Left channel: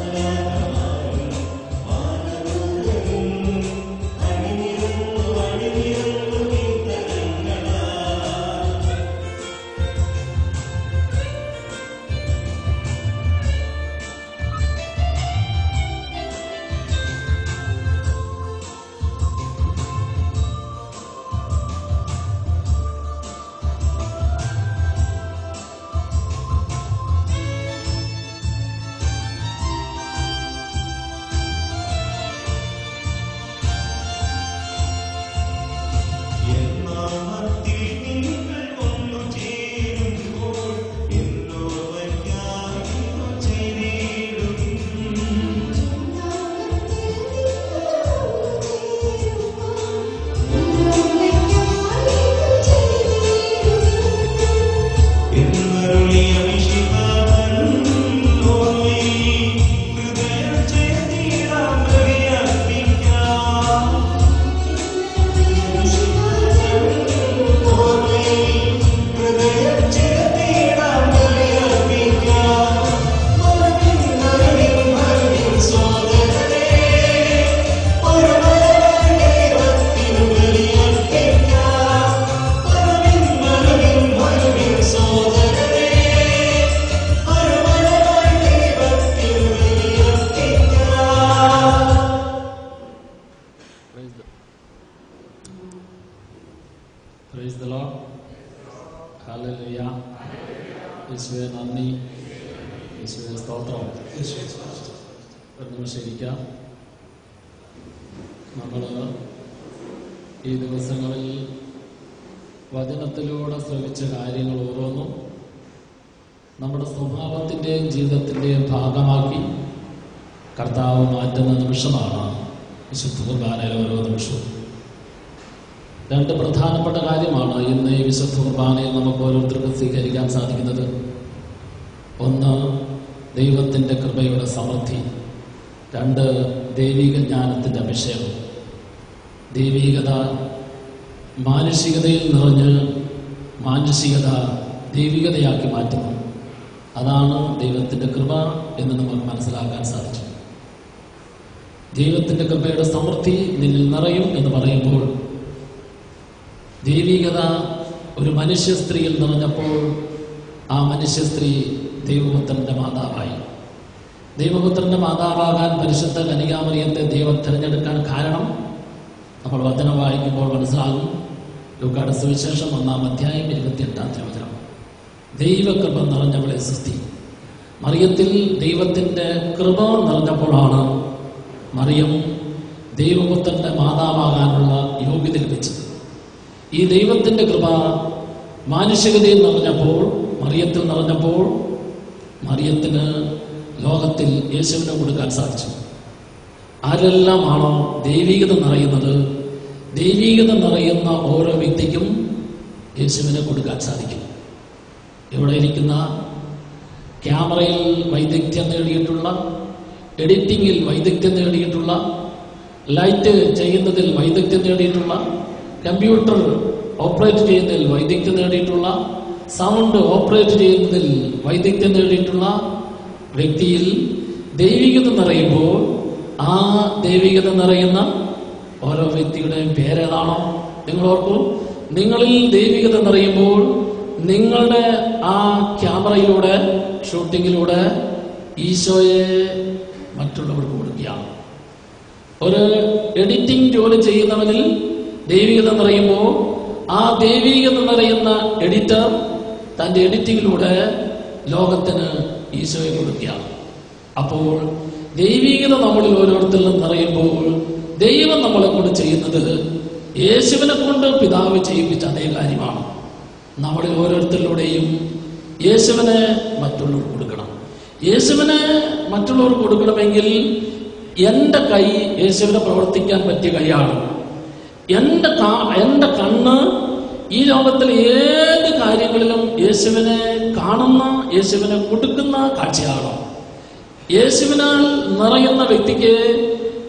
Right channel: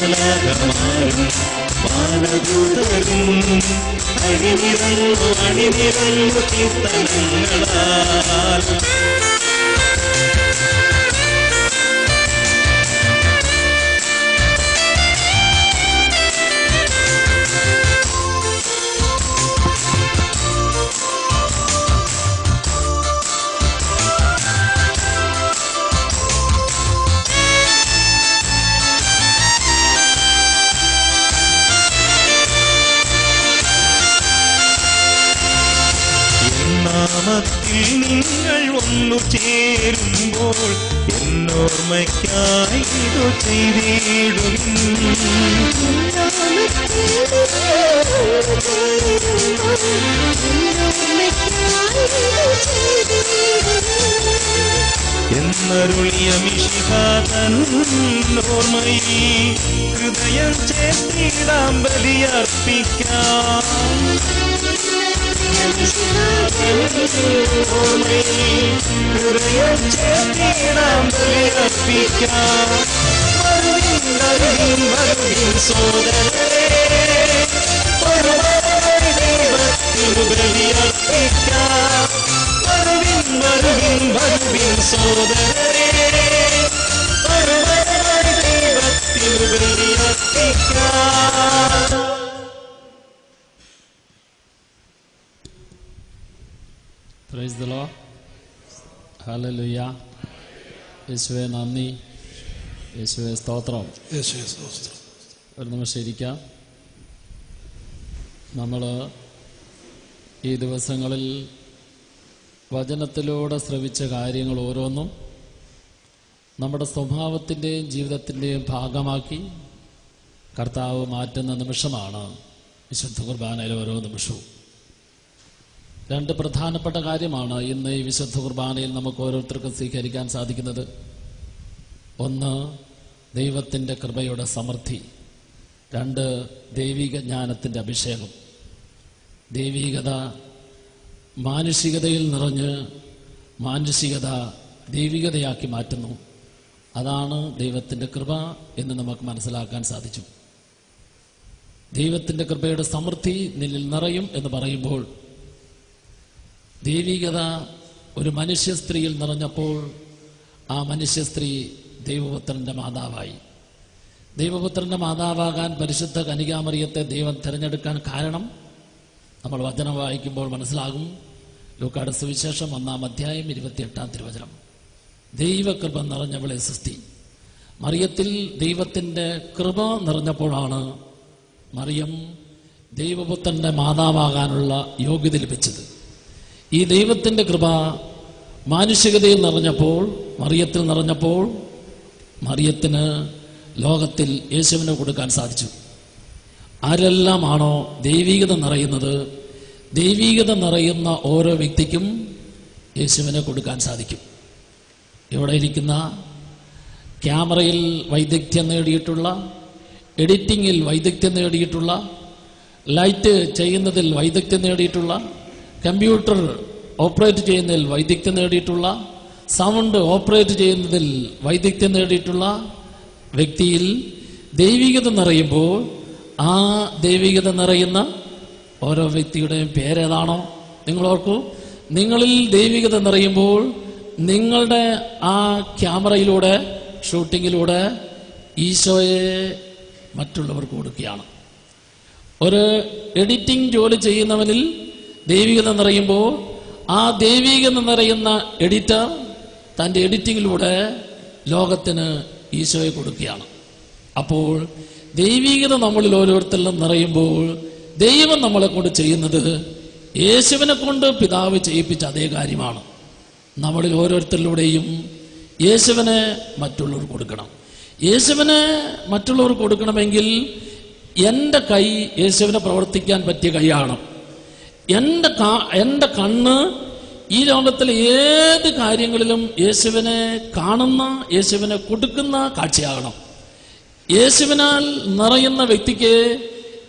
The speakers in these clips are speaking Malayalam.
മാലാഖമാരും മാനദൂതരും അണിനിരന്നു അണിനിരന്നു കീർത്തനങ്ങളാൽ നാമത്തിൽ നിങ്ങൾ ഒന്നു ചേരുമ്പോൾ എന്നോർമ്മയ്ക്കായി ഇതു ചെയ്തിടും. എന്നരുളിയ മിശിഹാതൻ ഓർമ്മയിൽ ഹൃദയം ചേർത്തിടാം ബലിയർപ്പിക്കാം. Praise the Lord. ഹല്ലേലൂയ. യേശുവേ നന്ദി, യേശുവേ സ്തോത്രം. ഒരു നിമിഷം ഇരിക്കാം. നമ്മൾ ഈ ദിവസങ്ങളിൽ വചനത്തിലൂടെ ശ്രവിച്ച കാര്യങ്ങൾ ഓരോന്നും നമ്മുടെ സ്വഭാവത്തിൻ്റെയും ജീവിതത്തിൻ്റെയും ഭാഗമാക്കി കർത്താവ് മാറ്റുന്ന നിമിഷമാണ് വിശുദ്ധ കുർബാനയിലെ ഓരോ നിമിഷവും. രണ്ട് പ്രധാനപ്പെട്ട കാര്യമാണ് ഇന്ന് ഈ വിശുദ്ധ കുർബാനയിൽ നമുക്ക് ഓരോരുത്തർക്കും സ്വീകരിക്കാൻ സാധിക്കുന്നത്. ഒന്ന്, ദൈവത്തിൻ്റെ കൃപയുടെ സമൃദ്ധി. രണ്ട്, ദൈവിക ജ്ഞാനത്തിൻ്റെ അഭിഷേകം. ദൈവികത മാനുഷികതയിൽ നിറഞ്ഞ് മാനുഷികത ദൈവികതയാക്കി മാറ്റുന്നു. അതാണ് ദൈവത്തിൻ്റെ കൃപ എന്ന് നമുക്ക് മനസ്സിലാക്കാൻ സാധിച്ചു. ദൈവത്തിൻ്റെ കൃപയുടെ സമൃദ്ധി നിന്നിൽ നിറയും എന്ന് പറയുമ്പോൾ ദൈവികത ഒരു മനുഷ്യ സ്ത്രീയിൽ നിറഞ്ഞപ്പോൾ ആ മനുഷ്യ സ്ത്രീ ദൈവപുത്രന്റെ മാതാവായി. ദൈവപുത്രന്റെ മാതാവാകാൻ പരിശുദ്ധ കന്യകാമറിയത്തെ ദൈവം തിരഞ്ഞെടുക്കാൻ കാരണം നമ്മൾ വചനം വായിക്കുമ്പോൾ മനസ്സിലാകും. ലൂക്കായുടെ സുവിശേഷം 1-ാം അധ്യായം 28-ാം തിരുവചനം. ദൈവകൃപ നിറഞ്ഞവളെ സൃഷ്ടി. മറിയത്തിൽ ദൈവത്തിൻ്റെ കൃപ നിറഞ്ഞപ്പോഴാണ് മറിയം ദൈവപുത്രന്റെ മാതാവാകാനുള്ള യോഗ്യത ലഭിച്ചത്. ഈ ദൈവത്തിൻ്റെ കൃപ മാനുഷികതയിൽ നിറഞ്ഞപ്പോൾ, മറിയത്തിൽ നിറഞ്ഞപ്പോൾ മറിയത്തിന് ലോകത്തിൽ യേശുവിനെ കൊടുക്കാൻ സാധിച്ചു. ആരെല്ലാമാണോ ദൈവികത നിറയുന്നത്, ദൈവികത നിറയുന്ന ഓരോ വ്യക്തിക്കും യേശുവിനെ കൊടുക്കാൻ സാധിക്കും. ഇവിടെ ഇരിക്കുന്ന ക്യാമറയിൽ വൈദഗ്ധ്യം നേടിയിട്ടുള്ള, എഡിറ്റിങ്ങിൽ വൈദഗ്ധ്യം നേടിയിട്ടുള്ള, ലൈറ്റ് ചെയ്യുന്നതിൽ വൈദഗ്ധ്യം നേടിയിട്ടുള്ള, കമ്പ്യൂട്ടർ ഓപ്പറേറ്റ് ചെയ്യുന്നതിൽ വൈദഗ്ധ്യം നേടിയിട്ടുള്ള, സൗണ്ട് ഓപ്പറേറ്റ് ചെയ്യുന്നതിൽ വൈദഗ്ധ്യം നേടിയിട്ടുള്ള വ്യക്തിയിൽ ദൈവികത നിറയുമ്പോൾ ആ ദൈവികത നിറയുന്ന ഓരോ വ്യക്തിയുടെയും പേരേതാണോ നിങ്ങൾ ഓർക്കൂ. നിങ്ങളിൽ ദൈവികത നിറയുമ്പോൾ നിങ്ങളുടെ ആ ക്യാമറയിലൂടെ, ഷൂട്ടിങ്ങിലൂടെ ഈശോയെ മറ്റുള്ളവർക്ക് കൊടുക്കുകയാണ്. ഒരു എഡിറ്റിംഗ് ജോലി ചെയ്യുന്നവനിൽ ദൈവികത നിറയുമ്പോൾ ആ ദൈവികത നിറയുന്ന എഡിറ്റർ തൻ്റെ എഡിറ്റിങ്ങിലൂടെ ലോകത്തിന് ഈശോയെ കൊടുക്കുകയാണ്. അപ്പോൾ ദൈവികത നമ്മളിൽ ഓരോരുത്തരിലും നിറയുമ്പോൾ ദൈവം നമ്മളെ കൊണ്ട് ചെയ്യുന്നത് യേശുവിനെ കൊണ്ട് പിതാവ് ചെയ്യിപ്പിച്ച അതേ കാര്യമാണ്. നമ്മളിൽ ഓരോരുത്തരിലൂടെയും യേശുവിനെ മറ്റുള്ളവർക്ക് കൊടുക്കണം. യേശുവിനെ മറ്റുള്ളവർക്ക് കൊടുക്കണമെങ്കിൽ എൻ്റെ കൈ യേശുവിനെ പ്രവർത്തിക്കാൻ പറ്റിയ കൈയാണ്. എൻ്റെ കണ്ണ് ഈ ലോകത്തിലെ ഏത് കാര്യങ്ങളിലും യേശുവിനെ കാണുന്ന, യേശുവിനെ കൊടുക്കുന്ന കാഴ്ചയാണ്. യേശുവിനാൽ നിറയുന്ന വ്യക്തിക്ക്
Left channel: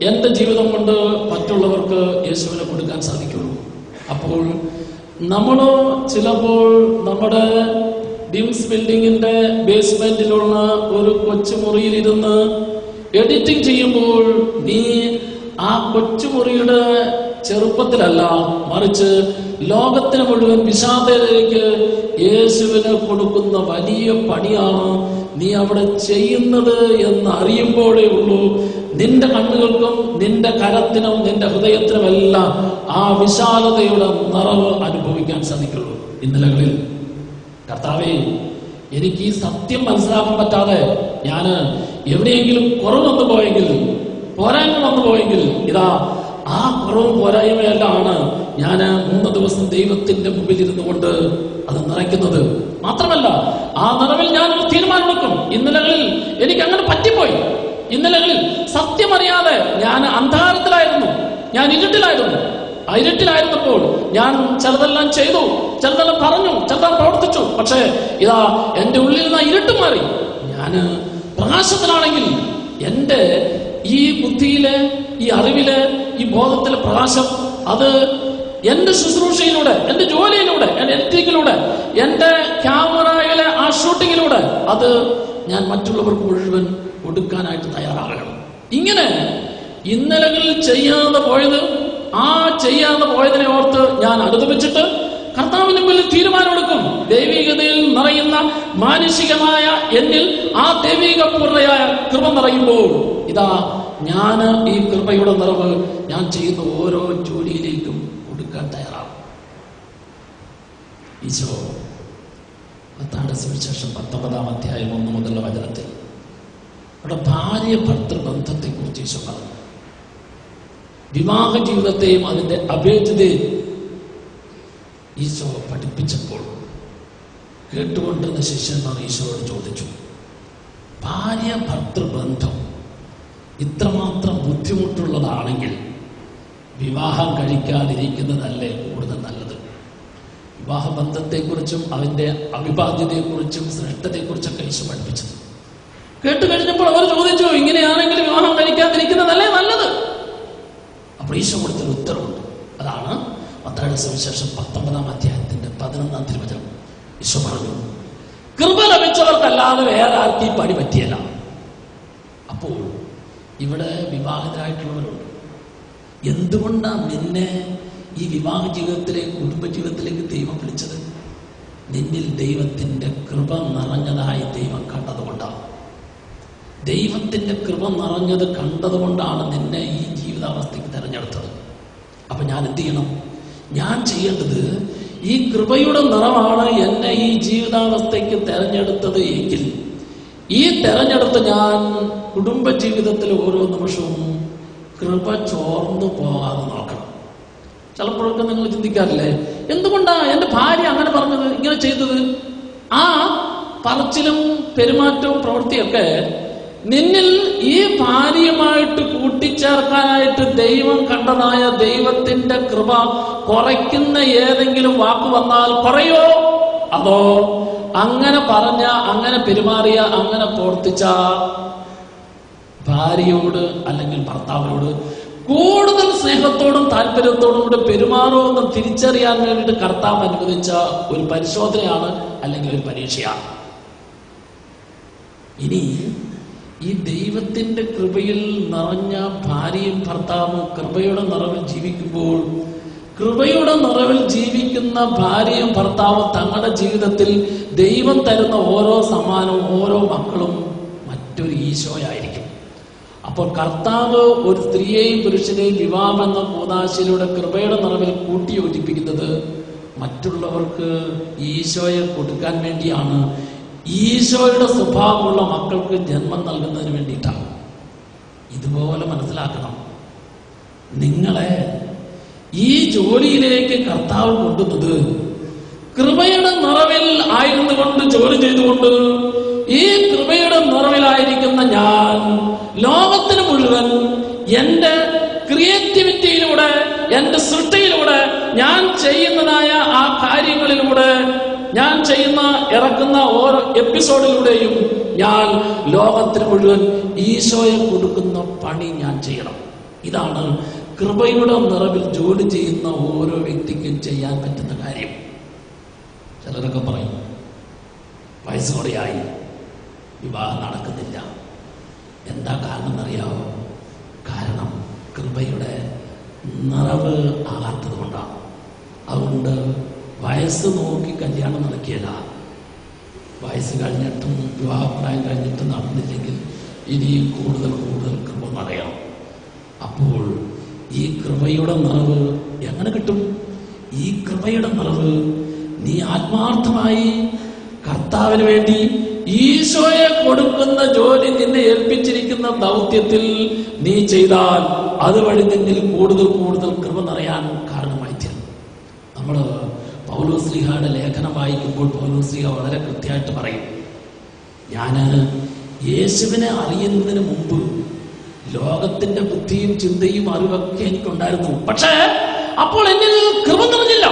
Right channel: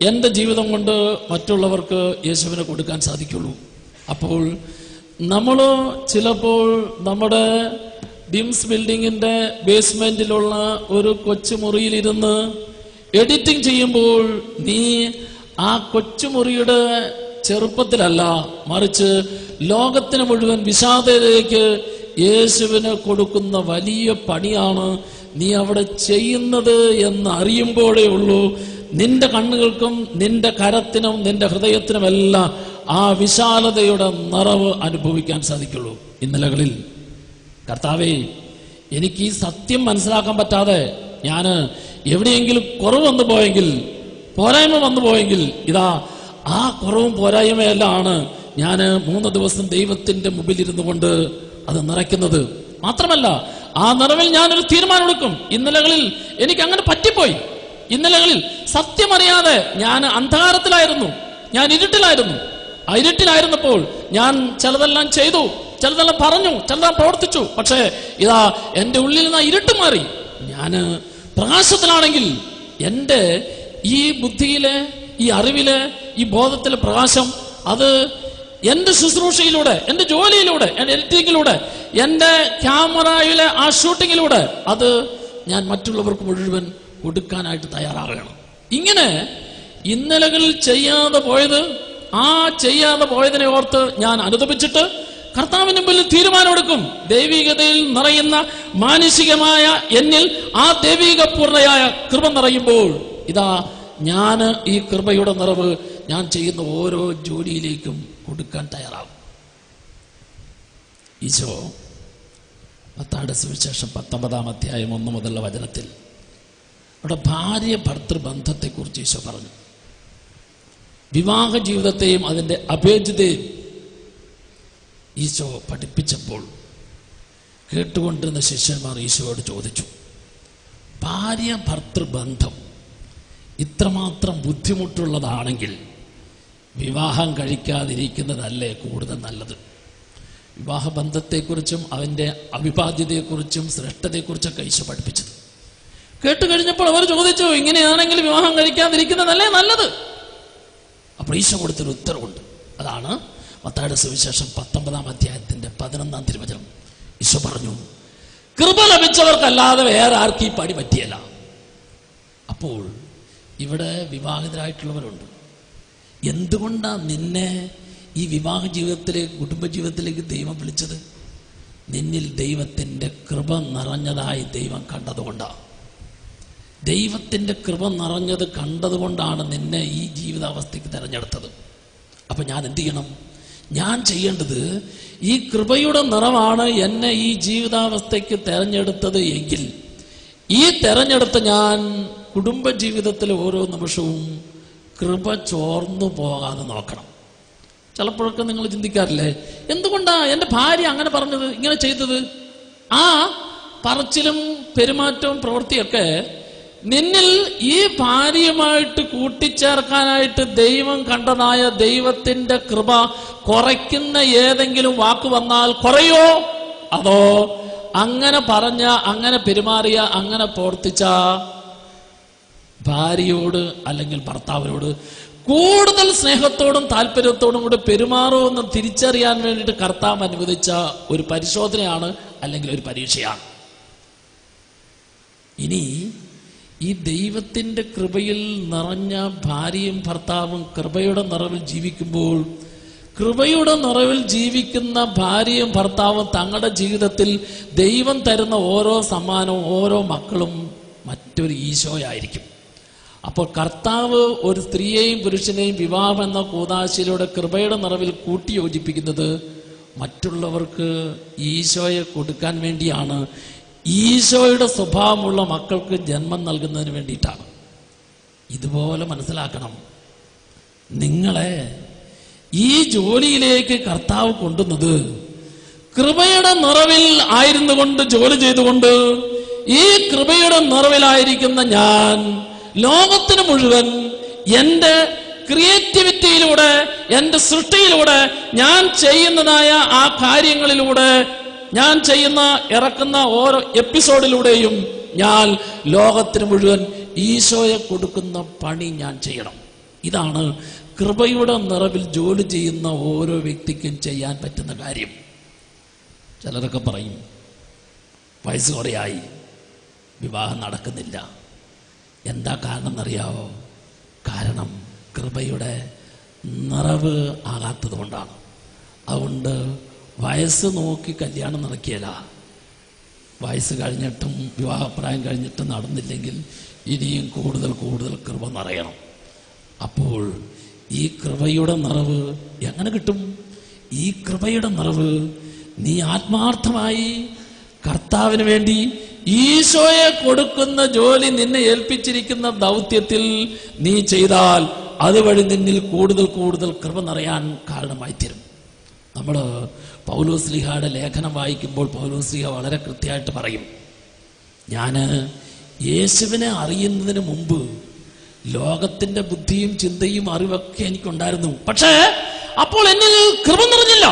എൻ്റെ ജീവിതം കൊണ്ട് മറ്റുള്ളവർക്ക് യേശുവിനെ കൊടുക്കാൻ സാധിക്കുള്ളൂ. അപ്പോൾ നമ്മൾ ചിലപ്പോൾ നമ്മുടെ ബിംസ് ബിൽഡിങ്ങിൻ്റെ ബേസ്മെന്റിലുള്ള ഒരു കൊച്ചു മുറിയിലിരുന്ന് എഡിറ്റിംഗ് ചെയ്യുമ്പോൾ നീ ആ കൊച്ചുമുറിയുടെ ചെറുപ്പത്തിലല്ല, മറിച്ച് ലോകത്തിന് മുഴുവൻ വിഷാദയിലേക്ക് യേശുവിന് കൊടുക്കുന്ന വലിയ പണിയാണ് നീ അവിടെ ചെയ്യുന്നത് എന്ന് അറിയുമ്പോഴേ ഉള്ളൂ നിന്റെ കണ്ണുകൾക്കും നിന്റെ കരത്തിനും നിന്റെ ഹൃദയത്തിനുമെല്ലാം ആ വിശാലതയുടെ നിറവ് അനുഭവിക്കാൻ സാധിക്കുള്ളൂ. ഇന്നലകളിൽ കർത്താവേ, എനിക്ക് ഈ സത്യം മനസ്സിലാക്കാൻ പറ്റാതെ ഞാൻ എവിടെയെങ്കിലും കുറവ് വന്നു പോയെങ്കിൽ, പോരായ്മ വന്നു പോയെങ്കിൽ, ഇതാ ആ കുറവും പോരായ്മയെല്ലാം ഞാൻ 3 ദിവസം ദൈവത്തിന്റെ മുമ്പിൽ ഇരുന്നു കൊണ്ട് അത് നിറയ്ക്കുന്നത്. മാത്രമല്ല, ആ നിറവിൽ ഞാനൊരു തീരുമാനമെടുക്കും. ഇന്നലകളിൽ എനിക്ക് അങ്ങനെ പറ്റിപ്പോയി. ഇന്നലകളിൽ സത്യമറിയാതെ ഞാൻ അന്ധകാരത്തിലായിരുന്നു, ഞാൻ ഇരുട്ടിലായിരുന്നു. ആ ഇരുട്ടിലായിരുന്നപ്പോൾ ഞാൻ ചിലതെല്ലാം ചെയ്തു, ചിലതെല്ലാം പറഞ്ഞു, ചിലതെല്ലാം പ്രവർത്തിച്ചു. പക്ഷേ ഇതാ എന്റെ ഉള്ളിൽ നിന്ന് ഇരുട്ട് മാറി. ഞാൻ പ്രകാശത്തിലാണെങ്കിൽ എന്റെ ഈ ബുദ്ധിയിലെ, ഈ അറിവിലെ, ഈ ബോധത്തിലെ പ്രകാശം അത് എന്റെ ശുശ്രൂഷയിലൂടെ, എന്റെ ജോലിയിലൂടെ, എന്റെ എഡിറ്റിങ്ങിലൂടെ, എന്റെ ക്യാമറയിലെ ആ ഷൂട്ടിങ്ങിലൂടെ അത് ഞാൻ മറ്റുള്ളവർക്ക് മുഴുവൻ കൊടുക്കാനായിട്ട് തയ്യാറാകണം. ഇങ്ങനെ ഇന്നലകളിൽ ചെയ്യാതെ പോയത്, ആ ചെയ്യാതെ പോയതിനെ ഓർത്ത് ഞാൻ അനുതപിച്ചിട്ട് കർത്താവിന് മുമ്പിൽ തീരുമാനമെടുക്കും. ദൈവികതയിൽ നിറയുന്ന മാനുഷികമായ എന്നിൽ ആ ദൈവിക പൂർണ്ണയായ കൃപ നിറയുമ്പോൾ ഇതാ ഞാൻ ഈ കൃപയുടെ നിറവ് ഞാൻ ചെയ്യുന്ന ഓരോ ജോലിയിലേക്കും കൊടുക്കാൻ തയ്യാറാകും. ഈശോ മത്തായിയുടെ സുവിശേഷം 19-ാം അധ്യായം 1 മുതലുള്ള വചനത്തിൽ അവിടെ ഭാര്യ ഭർത്തൃബന്ധത്തെക്കുറിച്ച് ഈശോ പറഞ്ഞു. വിവാഹ ജീവിതത്തെയും അതിന്റെ അഭേദ്യതയും ഈശോ പഠിപ്പിച്ചപ്പോൾ കേട്ടുകൊണ്ടിരുന്ന ശിഷ്യന്മാർ ഈശോയോട് ചോദിച്ചു, ഭാര്യ ഭർത്തൃബന്ധം ഇത്രമാത്രം ബുദ്ധിമുട്ടുള്ളതാണെങ്കിൽ വിവാഹം കഴിക്കാതിരിക്കുന്നതല്ലേ കൂടുതൽ നല്ലത്? വിവാഹബന്ധത്തെക്കുറിച്ചും അതിൻ്റെ അവിഭാജ്യതയെക്കുറിച്ചും ശ്രേഷ്ഠതയെക്കുറിച്ചൊക്കെ ഈശോ പഠിപ്പിച്ചത് കേട്ട് കഴിഞ്ഞപ്പോൾ അവർ ചോദിച്ചു, ഇങ്ങനെയാണെങ്കിൽ വിവാഹം കഴിക്കാതിരിക്കുന്നതല്ലേ നല്ലത്? അപ്പോൾ ഈശോ കൊടുത്തൊരു ഉത്തരവുണ്ട്. അതാണ് മത്തായിയുടെ സുവിശേഷം 19-ാം അധ്യായത്തിന്റെ 11-ാം തിരുവചനം. ഈശോ പറഞ്ഞു, കൃപ ലഭിച്ചവർക്കല്ലാതെ വേറെ ആർക്കും ഈ പണി പറ്റിയല്ല. അപ്പോൾ ഇവിടെ വിവാഹിതരായിട്ടുള്ളവരുണ്ട്. എന്തുകൊണ്ടാണ് നിന്നെ ഈ വിവാഹ ജീവിതത്തിലേക്ക്, കുടുംബജീവിതത്തിലേക്ക് ദൈവം വിളിച്ചത്? നിന്നിൽ ദൈവത്തിന്റെ കൃപ നിറഞ്ഞതായി ദൈവം കണ്ടതുകൊണ്ടാണ്. ദൈവത്തിന്റെ കൃപ നിറഞ്ഞത് കണ്ടതുകൊണ്ടാണ് നിന്നെ ഈ ജീവിതാവസ്ഥയ്ക്ക് തെരഞ്ഞെടുത്തത്. അപ്പൊ ഞാൻ എന്ത് ചെയ്യണം? ഞാൻ ചെയ്യേണ്ടത്, ഈ കൃപയുടെ നിറമാണ് എന്നെ ഈ ജീവിതാവസ്ഥയ്ക്ക് തെരഞ്ഞെടുത്തത് എങ്കിൽ ഈ തെരഞ്ഞെടുത്ത് ഞാൻ കുടുംബജീവിതത്തിലെ ഓരോ നിമിഷവും കൃപ ചോർന്നു പോകാതെ നോക്കണം. ചിലപ്പോഴൊക്കെ നിങ്ങൾ ചിന്തിക്കാറില്ലേ, എന്തുകൊണ്ടാ എൻ്റെ ഭാര്യ അങ്ങനെ പറഞ്ഞത്, ഇങ്ങനെ ചെയ്തത്? ആ പറച്ചിലും പെരുമാറ്റവും പ്രവൃത്തിയൊക്കെ നിന്നിൽ ഈ ഭാര്യയുമായിട്ട് കൂട്ടിച്ചേർക്കാനായിട്ട് ദൈവം കണ്ടതായ ദൈവത്തിന്റെ കൃപ കുറയ്ക്കുന്ന ഏതെങ്കിലും വാക്ക് വന്നാൽ കുറയോ? അതോ അങ്ങനെ പറഞ്ഞ, അങ്ങനെ പെരുമാറിയ, അങ്ങനെ പ്രവർത്തിച്ച ഭാര്യയോട് അല്ലെങ്കിൽ ഭർത്താവിനോട് കൂടുതൽ സ്നേഹത്തോടും താല്പര്യത്തോടും കൂടെ പെരുമാറുമെന്ന് തിരിച്ചറിയാൻ വേണ്ടിയിട്ട് കർത്താവ് അനുവദിച്ച ഒരു പരിശോധനയാണ്, അല്ലെങ്കിൽ ഒരു പരീക്ഷയാണ്. ഇനി ഈ ദൈവത്തിന്റെ കൃപയിൽ നിറഞ്ഞ ഭാര്യയും ഭർത്താവും കൃപയുടെ നിറവിൽ ജീവിക്കുമ്പോൾ, കൃപയുടെ നിറവിൽ ജീവിക്കുന്ന ഭാര്യയും ഭർത്താവും തങ്ങളുടെ ജീവിതത്തിൽ ദൈവം തരുന്ന ഓരോ സമ്മാനവും, ഓരോ മക്കളും മറ്റൊരു ഈശോയായിരിക്കും. അപ്പോൾ കർത്താവ് ഒരു സ്ത്രീയെയും പുരുഷനെയും വിവാഹം എന്ന കൂദാശയിലൂടെ കൃപയുടെ നിറവിൽ കൂട്ടിയോജിപ്പിക്കുന്നത് മറ്റുള്ളവർക്ക് ഈശോയെ കൊടുക്കാൻ വേണ്ടിയാണ്. ഈശോയുടെ സ്വഭാവമുള്ള മക്കൾക്ക് ജന്മം നൽകുന്നതിന് വേണ്ടിയിട്ടാണ്. ഇതുപോലെ മനസ്സിലാക്കണം. നിങ്ങളെ ഈ ജോലിയിലേക്ക് കർത്താവ് കൊണ്ടുവന്നത് കൃപയുടെ നിറവിൽ ആയിരുന്നു കൊണ്ട്, ജോലി ചെയ്തുകൊണ്ട് ഈ കൃപയുടെ നിറവിലായിരിക്കുന്ന ഞാൻ ലോകത്തിന് മുഴുവൻ എന്റെ ക്രിയേറ്റിവിറ്റിയിലൂടെ, എന്റെ സൃഷ്ടിയിലൂടെ, ഞാൻ ചെയ്യുന്നതായ ആ കാര്യങ്ങളിലൂടെ, ഞാൻ ചെയ്യുന്ന ഇറക്കുന്ന ഓരോ എപ്പിസോഡിലൂടെയും ഞാൻ ലോകത്തിന് മുഴുവൻ ഈശോയെ കൊടുക്കുന്ന പണി ഞാൻ ചെയ്യണം. ഇതാണ് കൃപയുടെ നിറവിൽ ജോലി ചെയ്യുന്ന ഓരോ വ്യക്തിക്കും ചെയ്യാൻ പറ്റുന്ന കാര്യം. ചിലരൊക്കെ പറയും, വയസ്സ് കുറയായി, വിവാഹം നടക്കുന്നില്ല. എന്താ കാരണം എന്നറിയാവോ? കാരണം കൃപയുടെ നിറവ് ആകാത്തത് കൊണ്ടാണ്. അതുകൊണ്ട് വയസ്സ് നോക്കി കല്യാണം നടക്കിയല്ല. വയസ്സ് കഴിഞ്ഞിട്ടും വിവാഹപ്രായം കഴിഞ്ഞിട്ടും നടന്നില്ലെങ്കിൽ ഇനിയും കൂടുതൽ കൂടുതൽ കൃപ നിറയണം. അപ്പോൾ ഈ കൃപയുടെ നിറവ് എങ്ങനെ കിട്ടും? ഈ കൃപയുടെ നിറവ് നീ ആത്മാർത്ഥമായി കർത്താവിന് വേണ്ടി ഈശോയെ കൊടുക്കുന്ന ജോലി, നിന്നെ ഏൽപ്പിച്ചിരിക്കുന്ന ദൗത്യത്തിൽ നീ ചെയ്താൽ അതുവഴി നിന്നിൽ കൂടുതൽ കൂടുതൽ കൃപ നിറയാൻ കാരണമായി തീരും. നമ്മൾ പൗലോസ്ലീഹയുടെ ലേഖനം വായിക്കുമ്പോൾ പൗലോസ്ലീഹ വളരെ കൃത്യമായിട്ട് പറയും, ഞാൻ യേശുവിനെ അറിയുന്നതിന് മുമ്പ് ലോകത്തിന്റെ ബുദ്ധിയും ചിന്തയും അറിവൊക്കെ എനിക്കുണ്ടായിരുന്നു. പക്ഷേ അപ്പോൾ എന്നിൽ കൃപ നിറഞ്ഞില്ല.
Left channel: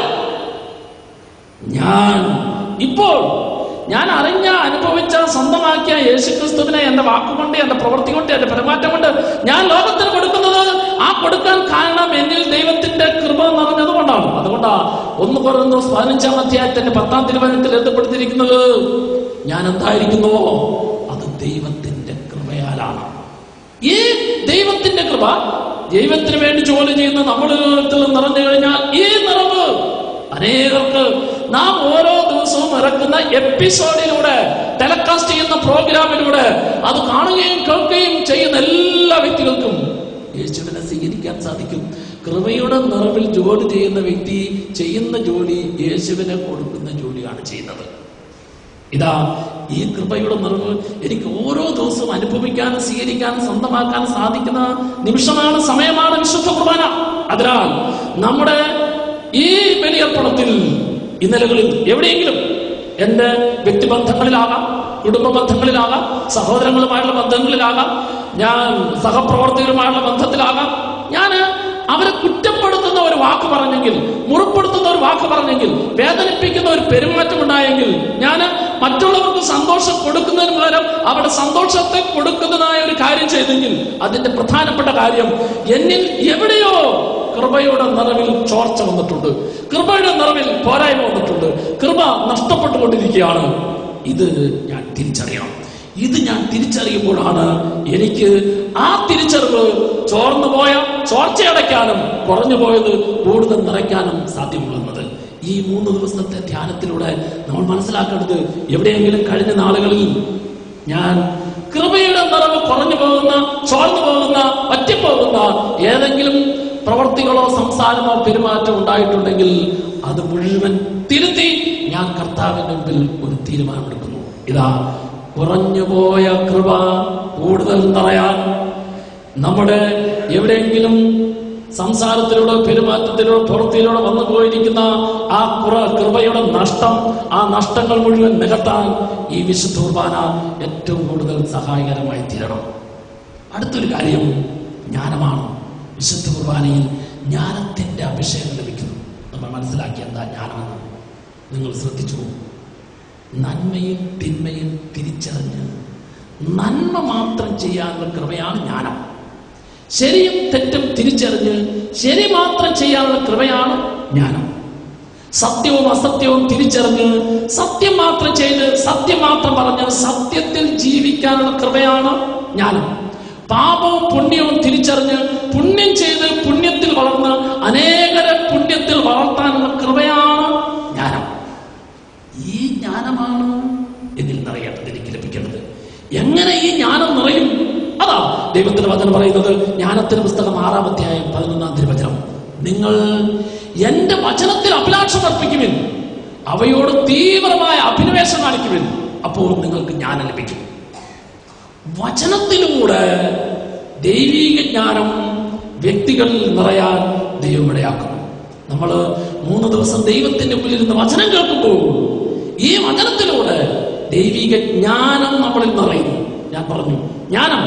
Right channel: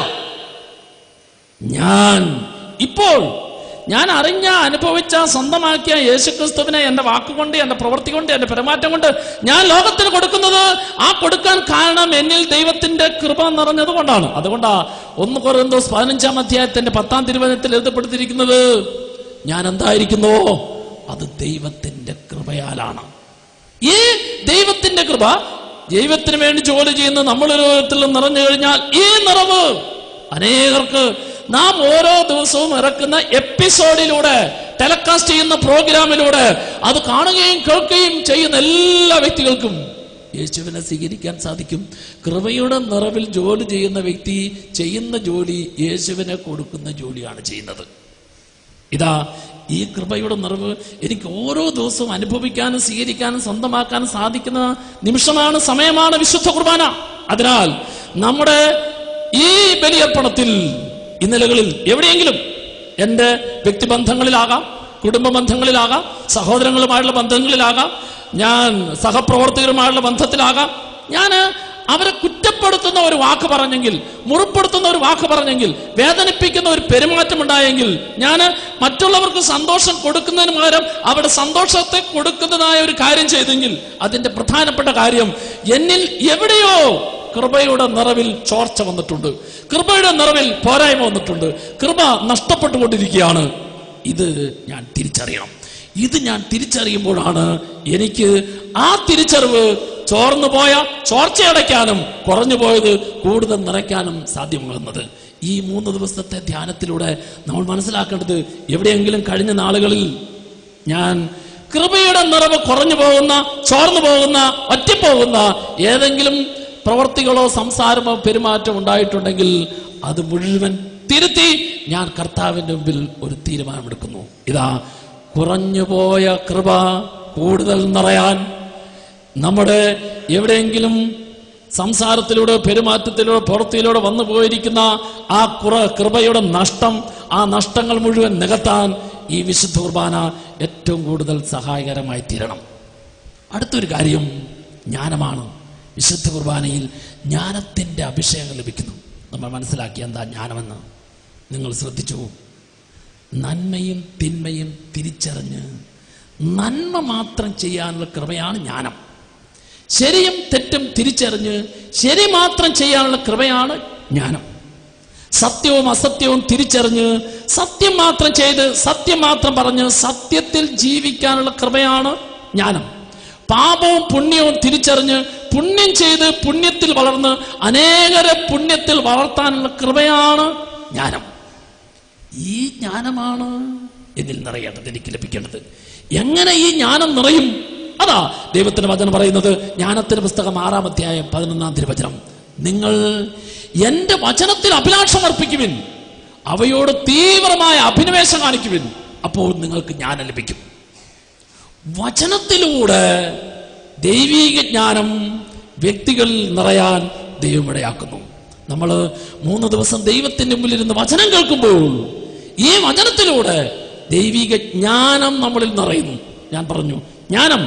ഞാൻ അറിഞ്ഞ, അനുഭവിച്ച, സ്വന്തമാക്കിയ യേശുക്രിസ്തുവിനെ എന്റെ വാക്കുകൊണ്ട്, എന്റെ പ്രവൃത്തി കൊണ്ട്, എന്റെ പെരുമാറ്റം കൊണ്ട് ഞാൻ ലോകത്തിന് കൊടുക്കുന്നത്, ആ കൊടുക്കാൻ കാരണം എന്നിൽ ദൈവത്തിന്റെ കൃപ നിറഞ്ഞത് കൊണ്ടാണ്. അതുകൊണ്ടാ 1 കൊരിന്ത്യർ 15-ാം അധ്യായത്തിന്റെ 10-ാം തിരുവചനത്തിൽ എഴുതപ്പെടുത്തിയിരിക്കുന്നത്, ഞാൻ എന്തായിരിക്കുന്നുവോ അത് ദൈവത്തിന്റെ കൃപയാലാണ്. ഈ ദൈവത്തിന്റെ കൃപ, ദൈവത്തിന് വേണ്ടി ജോലി ചെയ്യുന്ന നമ്മുടെ ലോകത്തിൽ നിറഞ്ഞു കഴിഞ്ഞാൽ ഈ നിറവ് അനേകർക്ക് നാം ഓരോ ദിവസവും ഇറക്കുന്ന എപ്പിസോഡിലൂടെ, ടെലികാസ്റ്റ് ചെയ്യുന്ന പ്രോഗ്രാമിലൂടെ അത് കാണുകയും കേൾക്കുകയും ചെയ്യുന്ന എല്ലാ വ്യക്തികൾക്കും യേശുവിനെ സ്വീകരിക്കാൻ സാധിക്കും. കൃപയുടെ നിറവിൽ ജോലി ചെയ്യുന്ന വ്യക്തി ചെയ്യുന്ന ജോലി യേശുവിനെ കൊടുക്കുന്ന ജോലിയാണ് ചെയ്യുന്നത്. ഇതാ ഈ കൃപയുടെ നിറവ് എനിക്ക് ഓരോ ദിവസവും അനുഭവിക്കാനും സ്വീകരിക്കാനും സ്വന്തമാക്കാനും സാധിക്കുന്ന നിമിഷമാണ്, സമയമാണ് വിശുദ്ധ കുർബാന. അതിനാൽ നമ്മുടെ ഈ ബലിയർപ്പണത്തിൽ ഇന്നലകളിൽ എവിടെയെങ്കിലും എന്റെ വ്യക്തിബന്ധങ്ങളിലാകാം, കുടുംബ ബന്ധങ്ങളിലാകാം, സഹോദരങ്ങളുമായുള്ള ബന്ധങ്ങളിലാകാം, ഞാൻ സഹപ്രവർത്തകരുമായുള്ള ബന്ധത്തിലാകാം, ഞാൻ അവരെ കുറ്റപ്പെടുത്തുന്ന ഒരു വാക്ക് പറഞ്ഞെങ്കിൽ, മുറിപ്പെടുത്തുന്ന ഒരു വാക്ക് പറഞ്ഞെങ്കിൽ, വേദനിപ്പിക്കുന്ന ഒരു പെരുമാറ്റം ഉണ്ടായെങ്കിൽ, ഞാൻ മറ്റുള്ളവർക്ക് സന്തോഷം കൊടുക്കുന്നതിന് പകരം അവരുടെ സന്തോഷത്തെ കൊടുക്കുന്നതായ ഒരു കാര്യം ചെയ്തെങ്കിൽ, അതിന്റെ പ്രധാനപ്പെട്ട കാര്യം എന്നിൽ എവിടെയോ കൃപയുടെ നിറവിൽ ചോർച്ച വന്നിട്ടുണ്ട്, കൃപയുടെ നിറവിൽ പോരായ്മ വന്നിട്ടുണ്ട്, കൃപ നഷ്ടപ്പെട്ടുകൊണ്ടിരിക്കുകയാണ്. ഇത് ഞാൻ തിരിച്ചറിയണം. ഇത് ഞാൻ തിരിച്ചറിയുമ്പോഴാണ് എനിക്ക് ആ തിരിച്ചറിവ് ചോർന്നു പോയ ചോർച്ചയടയ്ക്കാനും കുറഞ്ഞു പോയത് കൂടുതൽ നിറയ്ക്കാനും സാധ്യമാകുന്നത്. ഈ 3 ദിവസത്തെ ധ്യാനത്തിലൂടെ നമ്മൾ മനസ്സിലാക്കേണ്ടത്, എവിടെയെങ്കിലും കഴിഞ്ഞ നാളുകളിൽ ഞാൻ കൃപയുടെ നിറവ് കുറഞ്ഞു പോകുന്ന, ചോർന്നു പോകുന്ന, ഒറ്റപ്പോകുന്ന ഏതെങ്കിലും പ്രവർത്തികളോ സംസാരമോ പെരുമാറ്റം ഉണ്ടായിട്ടുണ്ടെങ്കിൽ അത് മുഴുവൻ തിരുത്തി ഞാൻ കർത്താവിന്റെ മുമ്പിൽ ഒരു തീരുമാനമെടുക്കുന്നു. ഇതാ കുറഞ്ഞുപോയ കൃപ കൂടുതൽ നിറയാൻ, നമ്മുടെ എവിടെയെങ്കിലും സംസാരത്തിലൂടെ, പെരുമാറ്റത്തിലൂടെ, പ്രവൃത്തിയിലൂടെ വന്നു പോയിരിക്കുന്ന ആ കൃപയുടെ നഷ്ടം, ആ നഷ്ടങ്ങൾ മുഴുവൻ നികത്താൻ ഈ വിശുദ്ധ കുർബാന ഏറ്റവും കൂടുതൽ സഹായകരമായി തീരണം. അടുത്തൊരു കാര്യം ജ്ഞാനമാണ്. വിശുദ്ധ കുർബാനയിൽ ജ്ഞാനത്തിന്റെ അഭിഷേകം ലഭിക്കുന്നു. നമ്മൾ മനസ്സിലാക്കിയ എന്താ ജ്ഞാനമെന്ന് നിങ്ങൾ ശ്രദ്ധിച്ചു. നന്മയും തിന്മയും തിരിച്ചറിഞ്ഞ് നന്മ മാത്രം ചെയ്യാനുള്ള കൃപയാണ് ജ്ഞാനം. ശരിയും തെറ്റും തിരിച്ചറിഞ്ഞ് ശരി മാത്രം ചെയ്യാനുള്ള കൃപയാണ് ജ്ഞാനം. സത്യവും അസത്യവും തിരിച്ചറിഞ്ഞ് സത്യം മാത്രം ചെയ്ത് സത്യം മാത്രം പറഞ്ഞ് സത്യത്തിൽ ജീവിക്കാനുള്ള കൃപയാണ് ജ്ഞാനം. പാപവും പുണ്യവും തിരിച്ചറിഞ്ഞ് പുണ്യം ചെയ്ത് പുണ്യത്തിൽ വളർന്ന് അനേകരെ പുണ്യത്തിൽ വളർത്താനുള്ള കൃപയാണ് ജ്ഞാനം. ഈ ജ്ഞാനമാണ് എന്നിൽ നിറയേണ്ടത്, എനിക്ക് ലഭിക്കേണ്ടത്. എങ്ങനെ ഈ ജ്ഞാനം നിറയും? അതാ ദൈവത്തിന്റെ വചനം പറയുന്നത്. ജ്ഞാനത്തിന്റെ പുസ്തകം 6-ാം അധ്യായം 11-ാം തിരുവചനം, നിങ്ങൾ എന്റെ വചനത്തിൽ അഭിലാഷം അർപ്പിക്കുവിൻ, അവയോട് തീവ്രമായ അഭിനിവേശം കാണിക്കുവിൻ, അപ്പോൾ നിങ്ങൾക്ക് ജ്ഞാനം ലഭിക്കും. വചനത്തിലൂടെ ദൈവീക ജ്ഞാനം വ്യക്തികൾ നിറയാൻ ദൈവം ഇടയാക്കുന്നു. നമ്മൾ 3 ദിവസം ദൈവത്തിന്റെ മുമ്പിൽ ഇരുന്ന് വചനം കേൾക്കുമ്പോൾ ഈ വചനത്തിലൂടെ ദൈവിക ജ്ഞാനം നമ്മളിൽ നിറയുന്നു. ഞാൻ പറഞ്ഞു, ജ്ഞാനം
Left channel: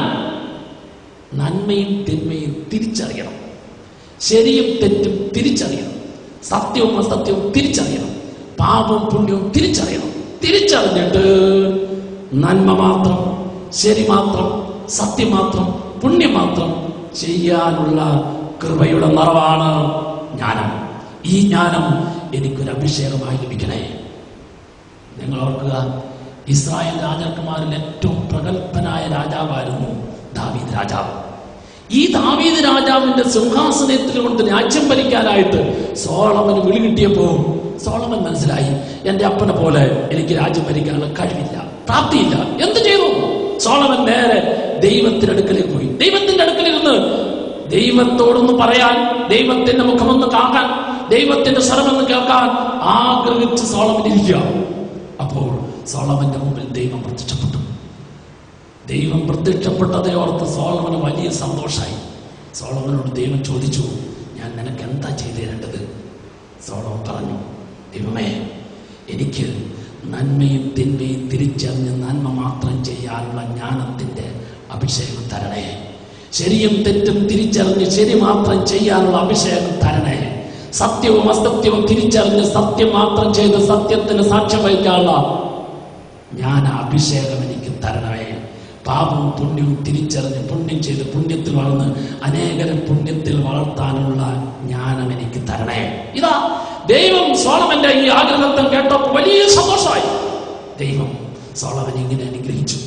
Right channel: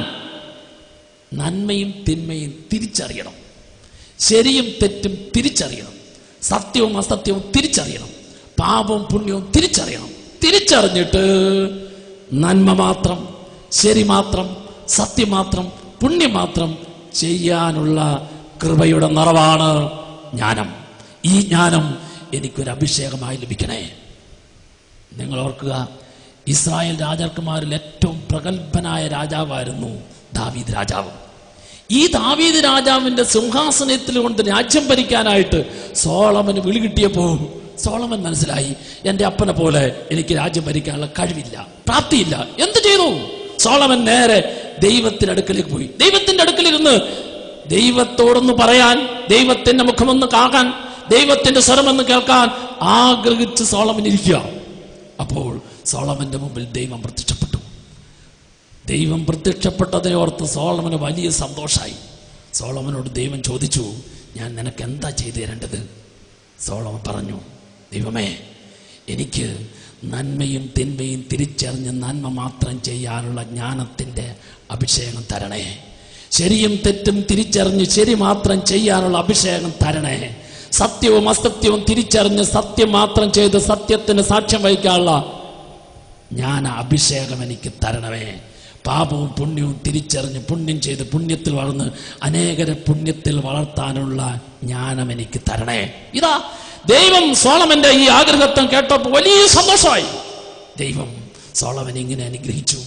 നന്മയും തിന്മയും തിരിച്ചറിയണം, ശരിയും തെറ്റും തിരിച്ചറിയണം, സത്യവും അസത്യവും തിരിച്ചറിയണം, പാപവും പുണ്യവും തിരിച്ചറിയണം. തിരിച്ചറിഞ്ഞിട്ട് നന്മ മാത്രം, ശരി മാത്രം, സത്യം മാത്രം, പുണ്യം മാത്രം ചെയ്യാനുള്ള കൃപയുടെ നിറവാണ് ജ്ഞാനം. ഈ ജ്ഞാനം എനിക്കൊരു അഭിഷേകമായി ലഭിക്കണേ. നിങ്ങൾ ഓർക്കുക, ഇസ്രായേൽ രാജാക്കന്മാരിൽ ഏറ്റവും പ്രഗത്ഭനായ രാജാവായിരുന്നു ദാവീദ് രാജാവ്. ഈ ദാവീദ് രാജാവിന്റെ സിംഹാസനത്തിൽ കൊണ്ട് രാജ്യം ഭരിക്കാനായിട്ട് സോളമന് വിളി കിട്ടിയപ്പോൾ സോളമൻ മനസ്സിലായി, എന്റെ അപ്പനെ പോലെ എനിക്ക് രാജ്യം ഭരിക്കാനുള്ള കഴിവില്ല, പ്രാപ്തിയില്ല. എന്ത് ചെയ്തു? സോളമൻ നേരെ ദൈവത്തിന്റെ അടുക്കലേക്ക് പോയി. ദൈവത്തിന്റെ അടുക്കലിരുന്ന് ദൈവത്തോടൊന്ന് പറയാൻ, ദൈവത്തിന്റെ മുഖമൊന്ന് കാണാൻ, ദൈവത്തിന്റെ സ്വരമൊന്ന് കേൾക്കാൻ ആഗ്രഹിച്ച് സോളമൻ ഇരിക്കുക. അപ്പോൾ സോളമന്റെ മുമ്പിൽ ദൈവം പ്രത്യക്ഷപ്പെട്ടു. ദൈവം പ്രത്യക്ഷപ്പെട്ടതെ ഓർത്ത് സോളമന് വലിയ സന്തോഷമായി. സോളമനോട് ദൈവം ചോദിച്ചു, ഞാൻ നിനക്ക് എന്താ ചെയ്തു തരേണ്ടത്? സോളമൻ പറഞ്ഞു, ദൈവമേ, എനിക്ക് നന്മയും തിന്മയും തിരിച്ചറിഞ്ഞ് നന്മ മാത്രം ചെയ്യാനുള്ള ജ്ഞാനത്തിന്റെ അഭിഷേകം തരണേ. ശരിയും തെറ്റും തിരിച്ചറിഞ്ഞ് ശരി മാത്രം ചെയ്യാനുള്ള അഭിഷേകം തരണേ. സത്യവും അസത്യവും തിരിച്ചറിഞ്ഞ് സത്യം മാത്രം ചെയ്ത് സത്യത്തിന് സാക്ഷ്യം വഹിക്കാനുള്ള അഭിഷേകം എനിക്ക് തരണമേ. പാപവും പുണ്യവും തിരിച്ചറിഞ്ഞ് പുണ്യം ചെയ്ത് പുണ്യത്തിൽ വളർന്ന് അനേകരെ പുണ്യത്തിൽ വളർത്താനുള്ള ജ്ഞാനം എനിക്ക് തരണേ. ഇതാ ദൈവം സോളമന്റെ ഈ ആഗ്രഹത്വം കേട്ടപ്പോൾ വലിയ സന്തോഷമായി. ദൈവം സോളമനെ ഇങ്ങനെ അനുഗ്രഹിച്ചു,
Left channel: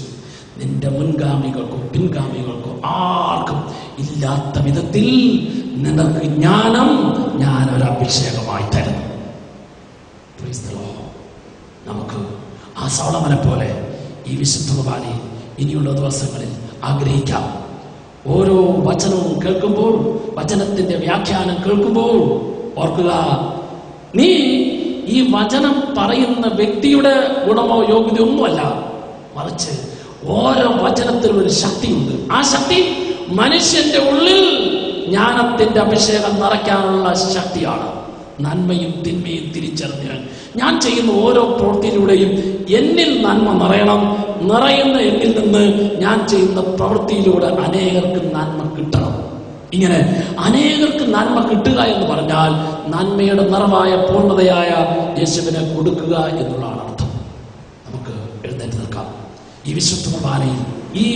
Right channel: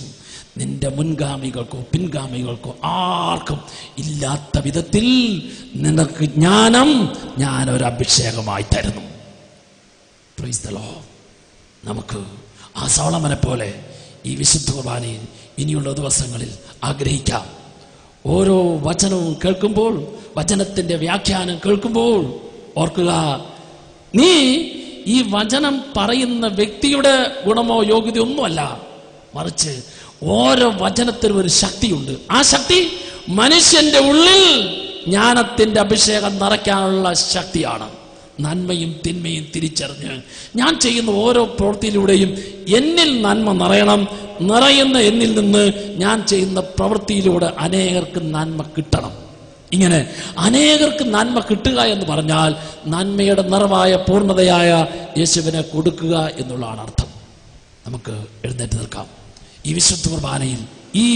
നിന്റെ മുൻഗാമികൾക്കോ പിൻഗാമികൾക്കോ ആർക്കും ഇല്ലാത്ത വിധത്തിൽ നിനക്ക് ജ്ഞാനം ഞാൻ ഒരു അഭിഷേകമായി തരുന്നു. Price the Lord. നമുക്ക് ആ സോളമനെ പോലെ ഈ വിശുദ്ധ കുർബാനയിൽ ഇനിയുള്ള ദിവസങ്ങളിൽ ആഗ്രഹിക്കാം. ഓരോ വചനവും കേൾക്കുമ്പോൾ, വചനത്തിന്റെ വ്യാഖ്യാനം കേൾക്കുമ്പോൾ ഓർക്കുക, നീ ഈ വചനം പറയുന്ന വ്യക്തിയുടെ ഗുണമോ യോഗ്യതയോ ഒന്നുമല്ല, മറിച്ച് ഓരോ വചനത്തിനും ഒരു ശക്തിയുണ്ട്. ആ ശക്തി മനുഷ്യന്റെ ഉള്ളിൽ ജ്ഞാനത്തിന്റെ അഭിഷേകം നിറയ്ക്കാനുള്ള ശക്തിയാണ്. നന്മയും തിന്മയും തിരിച്ചറിഞ്ഞ് ഞാൻ ചെയ്യുന്ന ഓരോ പ്രവൃത്തിയിലൂടെയും എന്നിൽ നന്മ നിറയണം. നിറയുന്ന എന്നിൽ നിന്ന് ഞാൻ ചെയ്യുന്ന പ്രവൃത്തിയിലൂടെ അനേകർക്ക് നന്മ കിട്ടണം. ഇങ്ങനെ അനേകർക്ക് നന്മ കിട്ടുക എന്ന് പറഞ്ഞാൽ നന്മയുടെ നിറവായ പൂർണ്ണതയായ യേശുവിനെ കൊടുക്കുക എന്നുള്ളതാണ് അർത്ഥം. നമുക്ക് എഴുന്നേറ്റ് നിൽക്കാം. ഈ വിശുദ്ധ കുർബാനയിൽ ഈ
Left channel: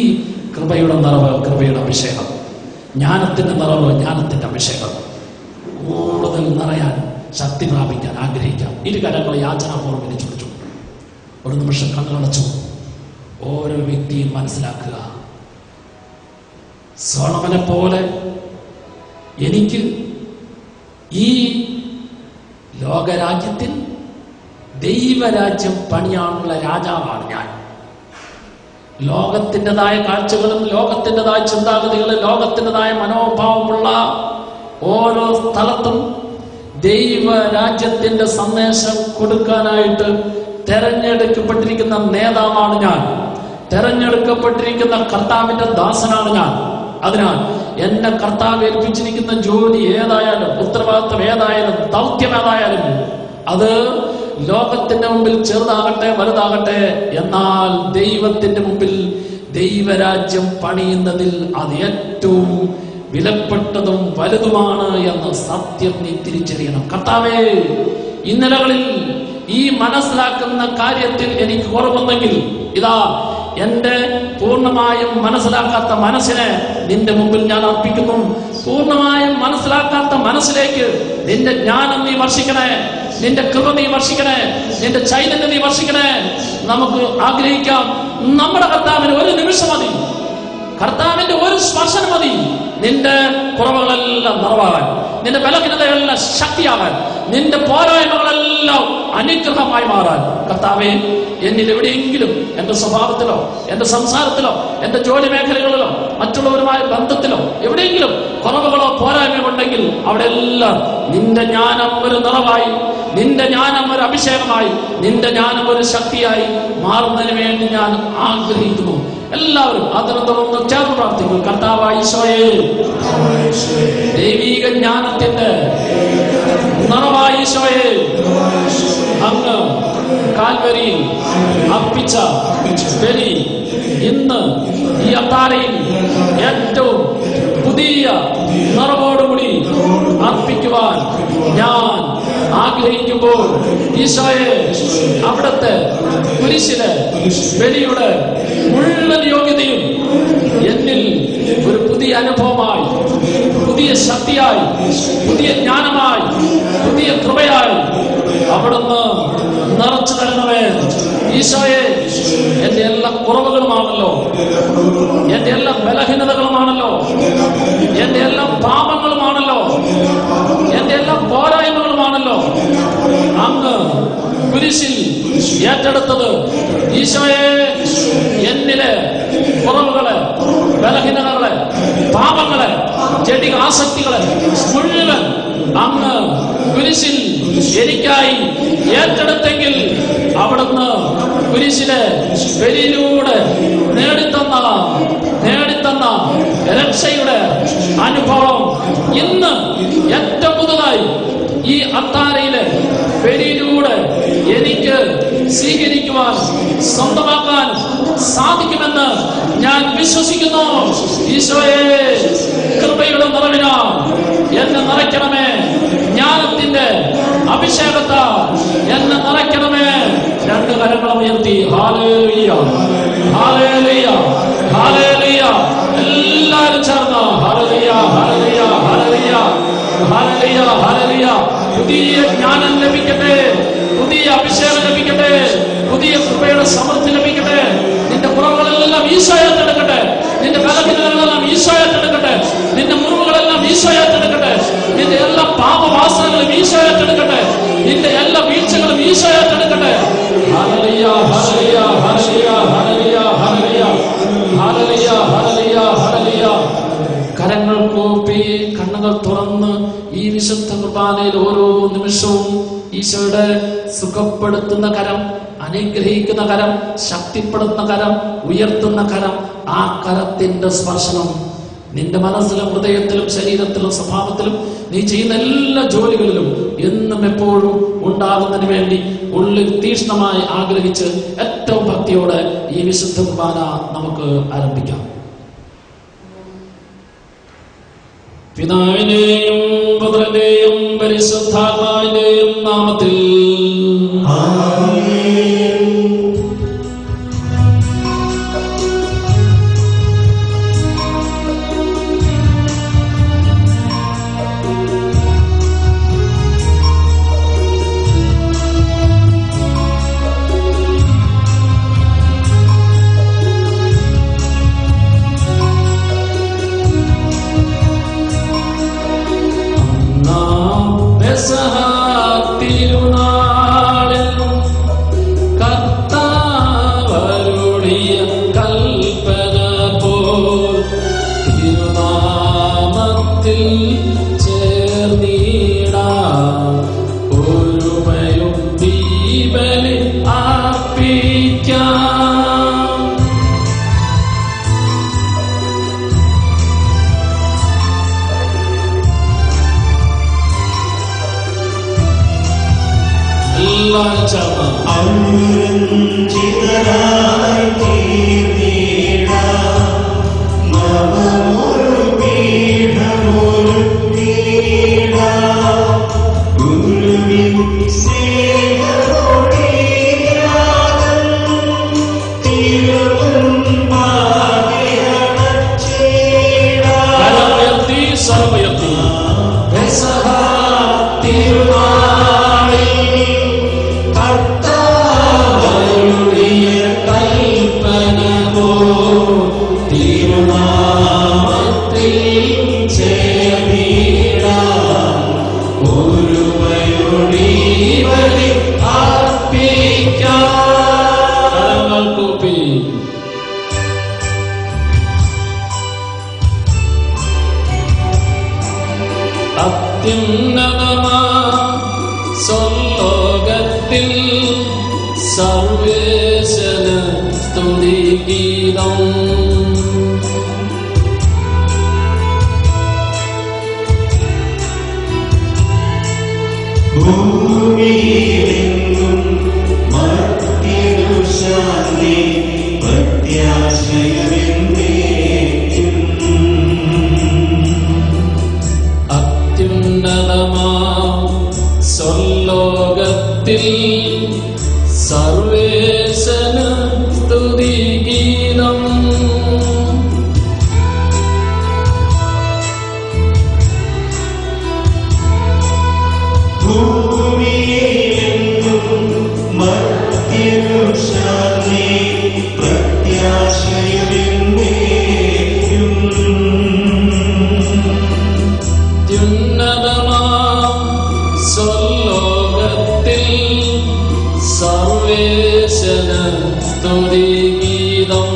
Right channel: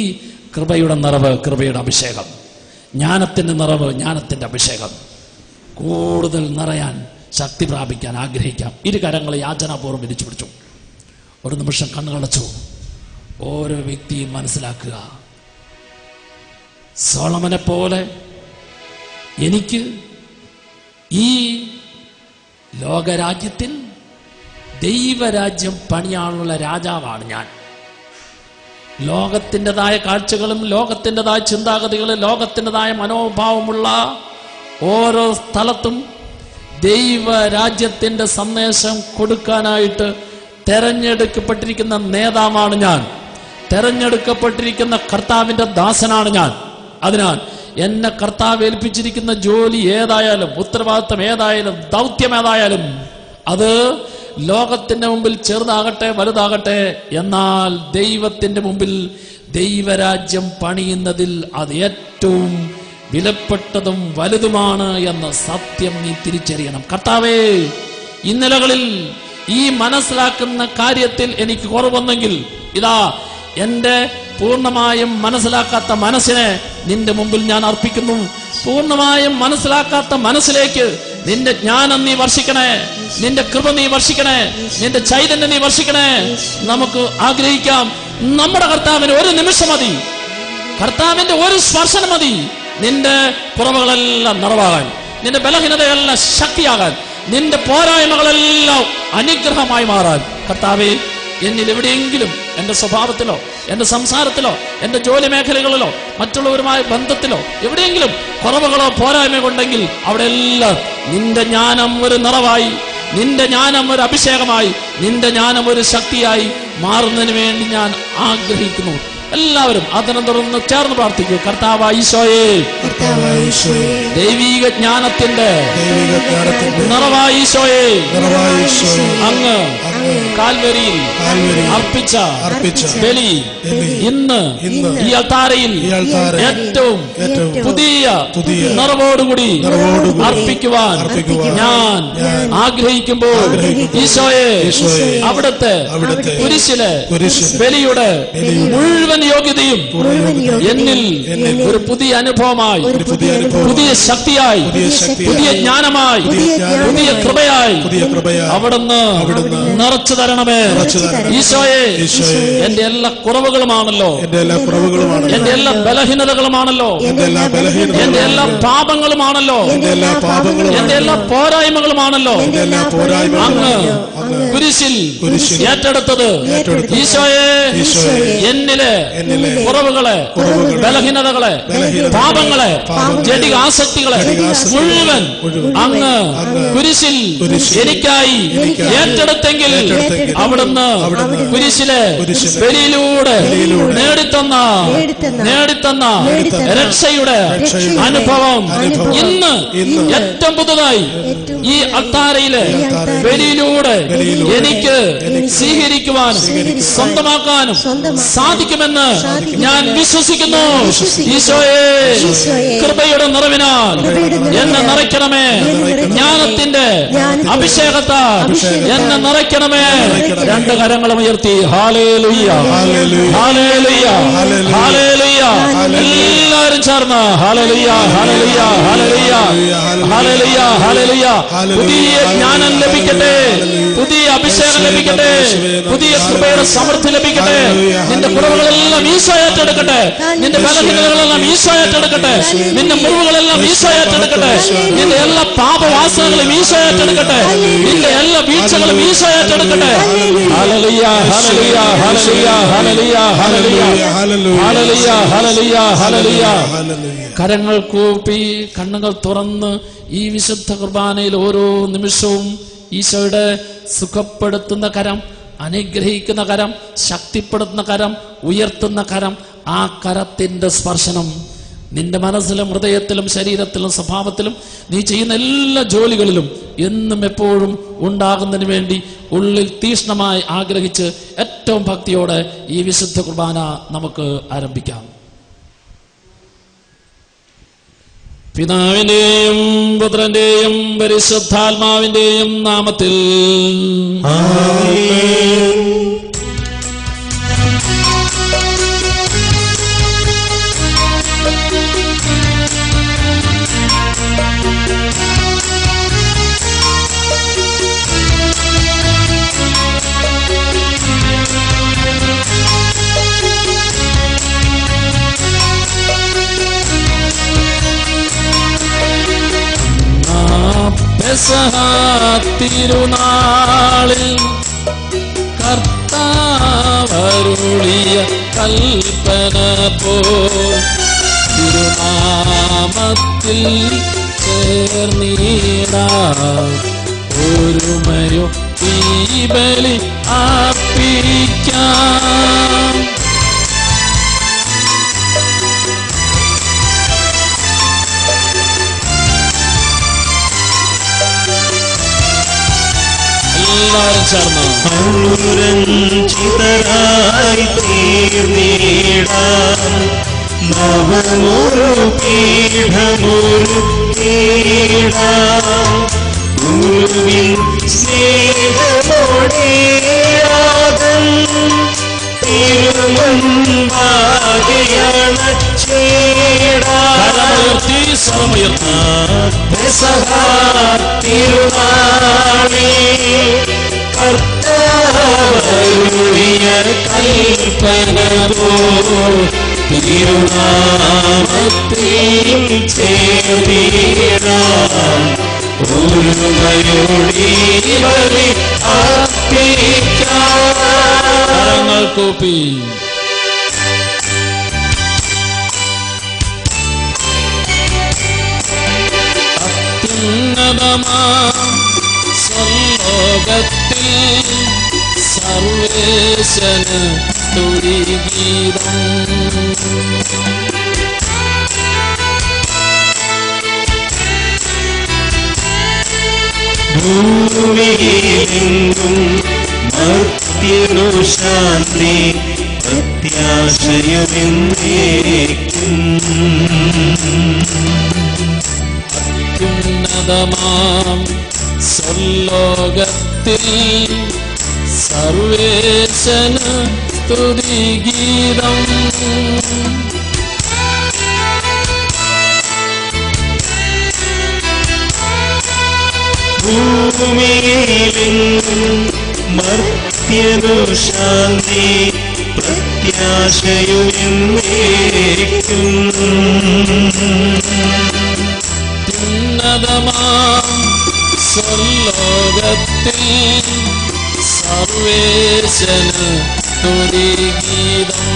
കൃപയുടെ നിറവ്, കൃപയുടെ അഭിഷേകം, ജ്ഞാനത്തിന്റെ നിറവ്, ജ്ഞാനത്തിന്റെ അഭിഷേകം കൂടുതൽ നിറയാൻ, ശക്തി പ്രാപിക്കാൻ ആഗ്രഹിക്കാം. ഇരു കരങ്ങളെ യാചനാപൂർവ്വം വിരിച്ചുപിടിച്ചു. ഒരു നിമിഷം കണ്ണുകളടച്ചു. ഓരോ വ്യക്തിയും മനസ്സിലാക്കുക, സോളമനെ പോലെ എനിക്ക് ഈ ലോകരാജ്യത്തിൽ ദൈവരാജ്യം പണിയാനുള്ള രാജാവാണ് ഞാൻ. ലോകത്തിൻ്റെതായ കാഴ്ചകളും ലോകത്തിൻ്റെതായ ചിന്താഗതികളും ലോകത്തിൻ്റെതായ മനോഭാവമുള്ള ഓരോ സ്ഥലത്തും ദൈവരാജ്യത്തിന്റെ സന്ദേശം കൊടുക്കാനായിട്ട് തെരഞ്ഞെടുക്കപ്പെട്ടിരിക്കുന്ന നേതാവാണ് ഞാൻ. തെരഞ്ഞെടുക്കപ്പെട്ടിരിക്കുന്ന കർത്താവിന്റെ ദാസനാണ് ഞാൻ. അതിനാൽ എന്നെ കർത്താവ് ഏൽപ്പിച്ചിരിക്കുന്ന ജോലി ഏതായാലും, ഉത്തരവാദിത്വം ഏതായാലും, ദൗത്യം ഏതായാലും അത് ലോകത്തിന്റെ മുമ്പിൽ ചെറുതാകട്ടെ വലുതാകട്ടെ, എന്നാൽ ദൈവത്തിന്റെ മുമ്പിൽ ദൈവരാജ്യം പണിയുന്നതിൽ അത് ഏറ്റവും വിലപ്പെട്ടതും വലുതുമാണ് എന്ന സത്യം നീ തിരിച്ചറിയണം. കർത്താവേ, ഇന്നലകളിൽ ഈ മനസ്സിലാക്കുന്ന കാര്യത്തിൽ എനിക്ക് കുറവൊന്നെങ്കിൽ ഇതാ എന്റെ പൂർണ്ണമായും മനസ്സിലാക്കാത്ത മനസ്സിനെ നിന്റെ മുമ്പിൽ ഞാൻ അർപ്പിക്കുന്നു. പൂർണ്ണമായും മനസ്സിലാക്കാത്ത മനസ്സിലേക്ക് നിന്റെ ജ്ഞാനം നീ വർഷിക്കണേ, നിന്റെ കൃപ നീ വർഷിക്കണേ, നിന്റെ ചൈതന്യം നീ വർഷിക്കണേ. നമുക്ക് ആഗ്രഹിക്കാം, നമ്മുടെ കർത്താവിന് ഒരു നിമിഷം മതി, കർത്താവിന്റെ ഒരു സ്പർശനം മതി നിന്റെ കുറവുകളെല്ലാം നിറവാകാൻ, നിന്റെ ബലഹീനതകളെല്ലാം ശക്തിയാകാൻ, നിന്റെ പോരായ്മകളെല്ലാം അനുഗ്രഹമായി മാറാൻ. കർത്താവേ, എന്നിൽ എവിടെയെങ്കിലും എന്റെ സ്വഭാവത്തിലോ എന്റെ സംസാരത്തിലോ എന്റെ ജോലി മേഖലകളിലോ മറ്റുള്ളവരുമായ ബന്ധത്തിലോ എവിടെയെങ്കിലും കുറവുകളോ പോരായ്മകളോ ഉണ്ടെങ്കിൽ അവിടെയെല്ലാം നിന്റെ ജ്ഞാനം ഒരു നിറവായി, നിന്റെ ജ്ഞാനം ഒരു അഭിഷേകമായി, നിന്റെ ജ്ഞാനം ഒരു ശക്തിയായി മാറുന്നതിന് വേണ്ടി ഞാൻ ആഗ്രഹിക്കുന്നു. എല്ലാവരും അതിനെ തുടർന്ന് ചേർന്ന് പ്രാർത്ഥിക്കൂ. കർത്താവായ ഈശോയേ, ദൈവീക ജ്ഞാനത്തിന്റെ നിറവായ ഈശോയേ, അങ്ങ് കാൽവരിയിൽ അർപ്പിച്ച ബലി ഇന്ന് ഈ അൾത്താരയിൽ ഏറ്റവും പുതിയ നിറവോടുകൂടി അർപ്പിക്കുവാൻ ഞാൻ ആഗ്രഹിക്കുമ്പോൾ ഈശോയെ, അവിടുത്തെ കുരിശിലെ ബലിയുടെ മുഴുവൻ യോഗ്യതയും എന്നിൽ ഒരു പുതിയ അനുഭവമായി പുതിയ ശക്തിയായി, പുതിയ ജ്ഞാനമായി, പുതിയ കൃപയായി അവിടുന്ന് നിറച്ചു തരണമേ. ഈശോയെ, എന്റെ എല്ലാ കുറവുകളുമാണല്ലോ, എന്റെ എല്ലാ ബലഹീനതകളുമാണല്ലോ, എന്റെ എല്ലാ പാപങ്ങളുമാണല്ലോ, എന്റെ എല്ലാ പോരായ്മകളുമാണല്ലോ അങ്ങ് കുരിശിൽ ഏറ്റെടുത്തത്. ഈശോയെ, എന്നിലെ കുറവുകളെ, ബലഹീനതകളെ, പാപങ്ങളെ, ജഡിക ആസക്തികളെ മുഴുവൻ അങ്ങ് കുരിശിൽ എനിക്കായി ഏറ്റെടുത്തെങ്കിൽ അവിടുന്ന് കുരിശിലെ ബലിയിലൂടെ നേടിത്തന്ന രക്ഷയുടെ അനുഭവം ഇന്ന് ഏറ്റവും പുതുതായി ഈ അത്താരയിലെ ബലിയിലൂടെ എനിക്ക് സ്വീകരിക്കുവാനും സ്വന്തമാക്കാനും സാധിക്കുമെന്ന് ഞാൻ വിശ്വസിക്കുന്നു. ഈശോയെ, കൃപയുടെ നിറവിനാൽ എന്നെ നിറയ്ക്കണമേ. ജ്ഞാനത്തിന്റെ അഭിഷേകത്താൽ എന്നെ നിറയ്ക്കണമേ. രണ്ട് കരങ്ങളും ഉയർത്തി ഹല്ലേലൂയ, ഹല്ലേലൂയ, ഹല്ലേലൂയ. എല്ലാവരും ചേർന്ന് hallelujah, hallelujah, hallelujah, hallelujah, hallelujah. പുതിയ ജ്ഞാനം ലഭിക്കട്ടെ, പുതിയ അഭിഷേകം ലഭിക്കട്ടെ, പുതിയ കൃപയുടെ സമൃദ്ധി ലഭിക്കട്ടെ. നിന്റെ കുറവുകളെല്ലാം ഈശോ ഏറ്റെടുക്കട്ടെ, നിന്റെ ബലഹീനതകളെല്ലാം ഈശോ ഏറ്റെടുക്കട്ടെ, നിന്റെ മുറിവുകളെല്ലാം ഈശോ ഏറ്റെടുക്കട്ടെ, നിന്റെ എല്ലാ പാപവാസനകളും ഈശോ ഏറ്റെടുക്കട്ടെ, നിന്റെ എല്ലാ വീഴ്ചകളും ഈശോ ഏറ്റെടുക്കട്ടെ. Hallelujah, hallelujah, hallelujah, hallelujah, hallelujah, hallelujah, hallelujah, hallelujah. കരങ്ങൾ കൂപ്പി കണ്ണുകൾ തുറന്ന് ഈ വിശുദ്ധ കുർബാനയിൽ ഓരോ നിമിഷവും ഈശോയുടെ സുഖപ്പെടുത്തുന്ന കരം, അനുഗ്രഹിക്കുന്ന കരം, ശക്തിപ്പെടുത്തുന്ന കരം, ഉയർത്തുന്ന കരം, ആ കരത്തിന്റെ സ്പർശനം നിന്റെ മനസ്സിലും ഹൃദയത്തിലും ശരീരത്തിലും സ്വഭാവത്തിലും നീ ചെയ്യുന്ന എല്ലാ ജോലികളിലും എന്നും എപ്പോഴും ഉണ്ടാകുന്നതിന് വേണ്ടി ഉള്ളിൽ തീക്ഷ്ണമായി ആഗ്രഹിച്ച് ഏറ്റവും ഭക്തിയോടെ ഈ വിശുദ്ധ കുർബാന നമുക്ക് ആരംഭിക്കാം. പിതാവിന്റെയും പുത്രന്റെയും പരിശുദ്ധാത്മാവിന്റെയും നാമത്തിൽ തിരുനാളിൽ കർത്താവരുളിയ കൽപ്പന പോൽ തിരുനാമത്തിൽ ചേർന്നിടാം ഒരുമയും ദീപലി അർപ്പിക്കാം. അനുരഞ്ജിതരായി തീർന്നിടാം നവമൊരു പീഠമൊരു കീഴാം ഗുരുവിൻ സ്നേഹമൊടിയാതൻ തിരുവാണി കൽപ്പന തിരുനാമത്തിൽ ചേർന്നിടാം ഒരുമയോടി ബലി അർപ്പിക്കാം. കൂപ്പി അത്യുന്നതമാ സ്വർലോകത്തിൽ സർവേശന് തുതിഗീതം. ഭൂമിയിലെങ്ങും ഭക്തിനു ശാന്തി പ്രത്യാശയമെന്നേക്കും. അത്യുന്നതമാം സ്വർലോകത്തിൽ സർവേശന് സ്തുതിഗീതം. ശാന്തി പ്രത്യാശയുമെന്നേക്കും. സ്വർലോകത്തിൽ സർവേശന് സ്തുതിഗീതം.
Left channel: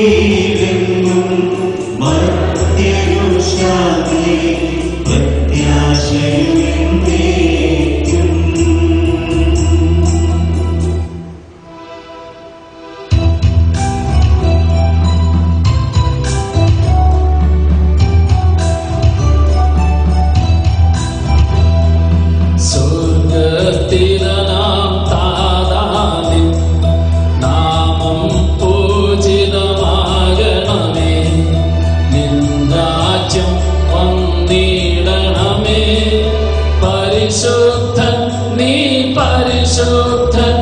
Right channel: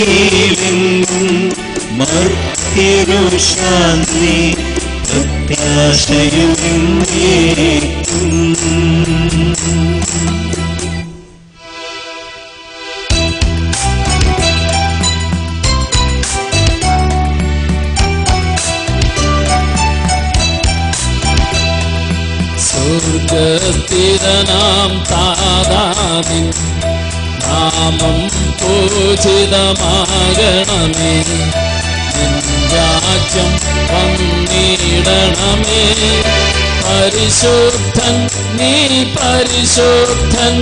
ഭൂമിയിലെങ്ങും മർത്യരു ശാന്തി പ്രത്യാശയുമെന്നേക്കും. സ്വർഗസ്ഥിരനാം താതാവിൻ നാമം പൂജിതമാകണമേ. നിൻ രാജ്യം വന്നിടണമേ. പരിശുദ്ധൻ നീ പരിശുദ്ധൻ.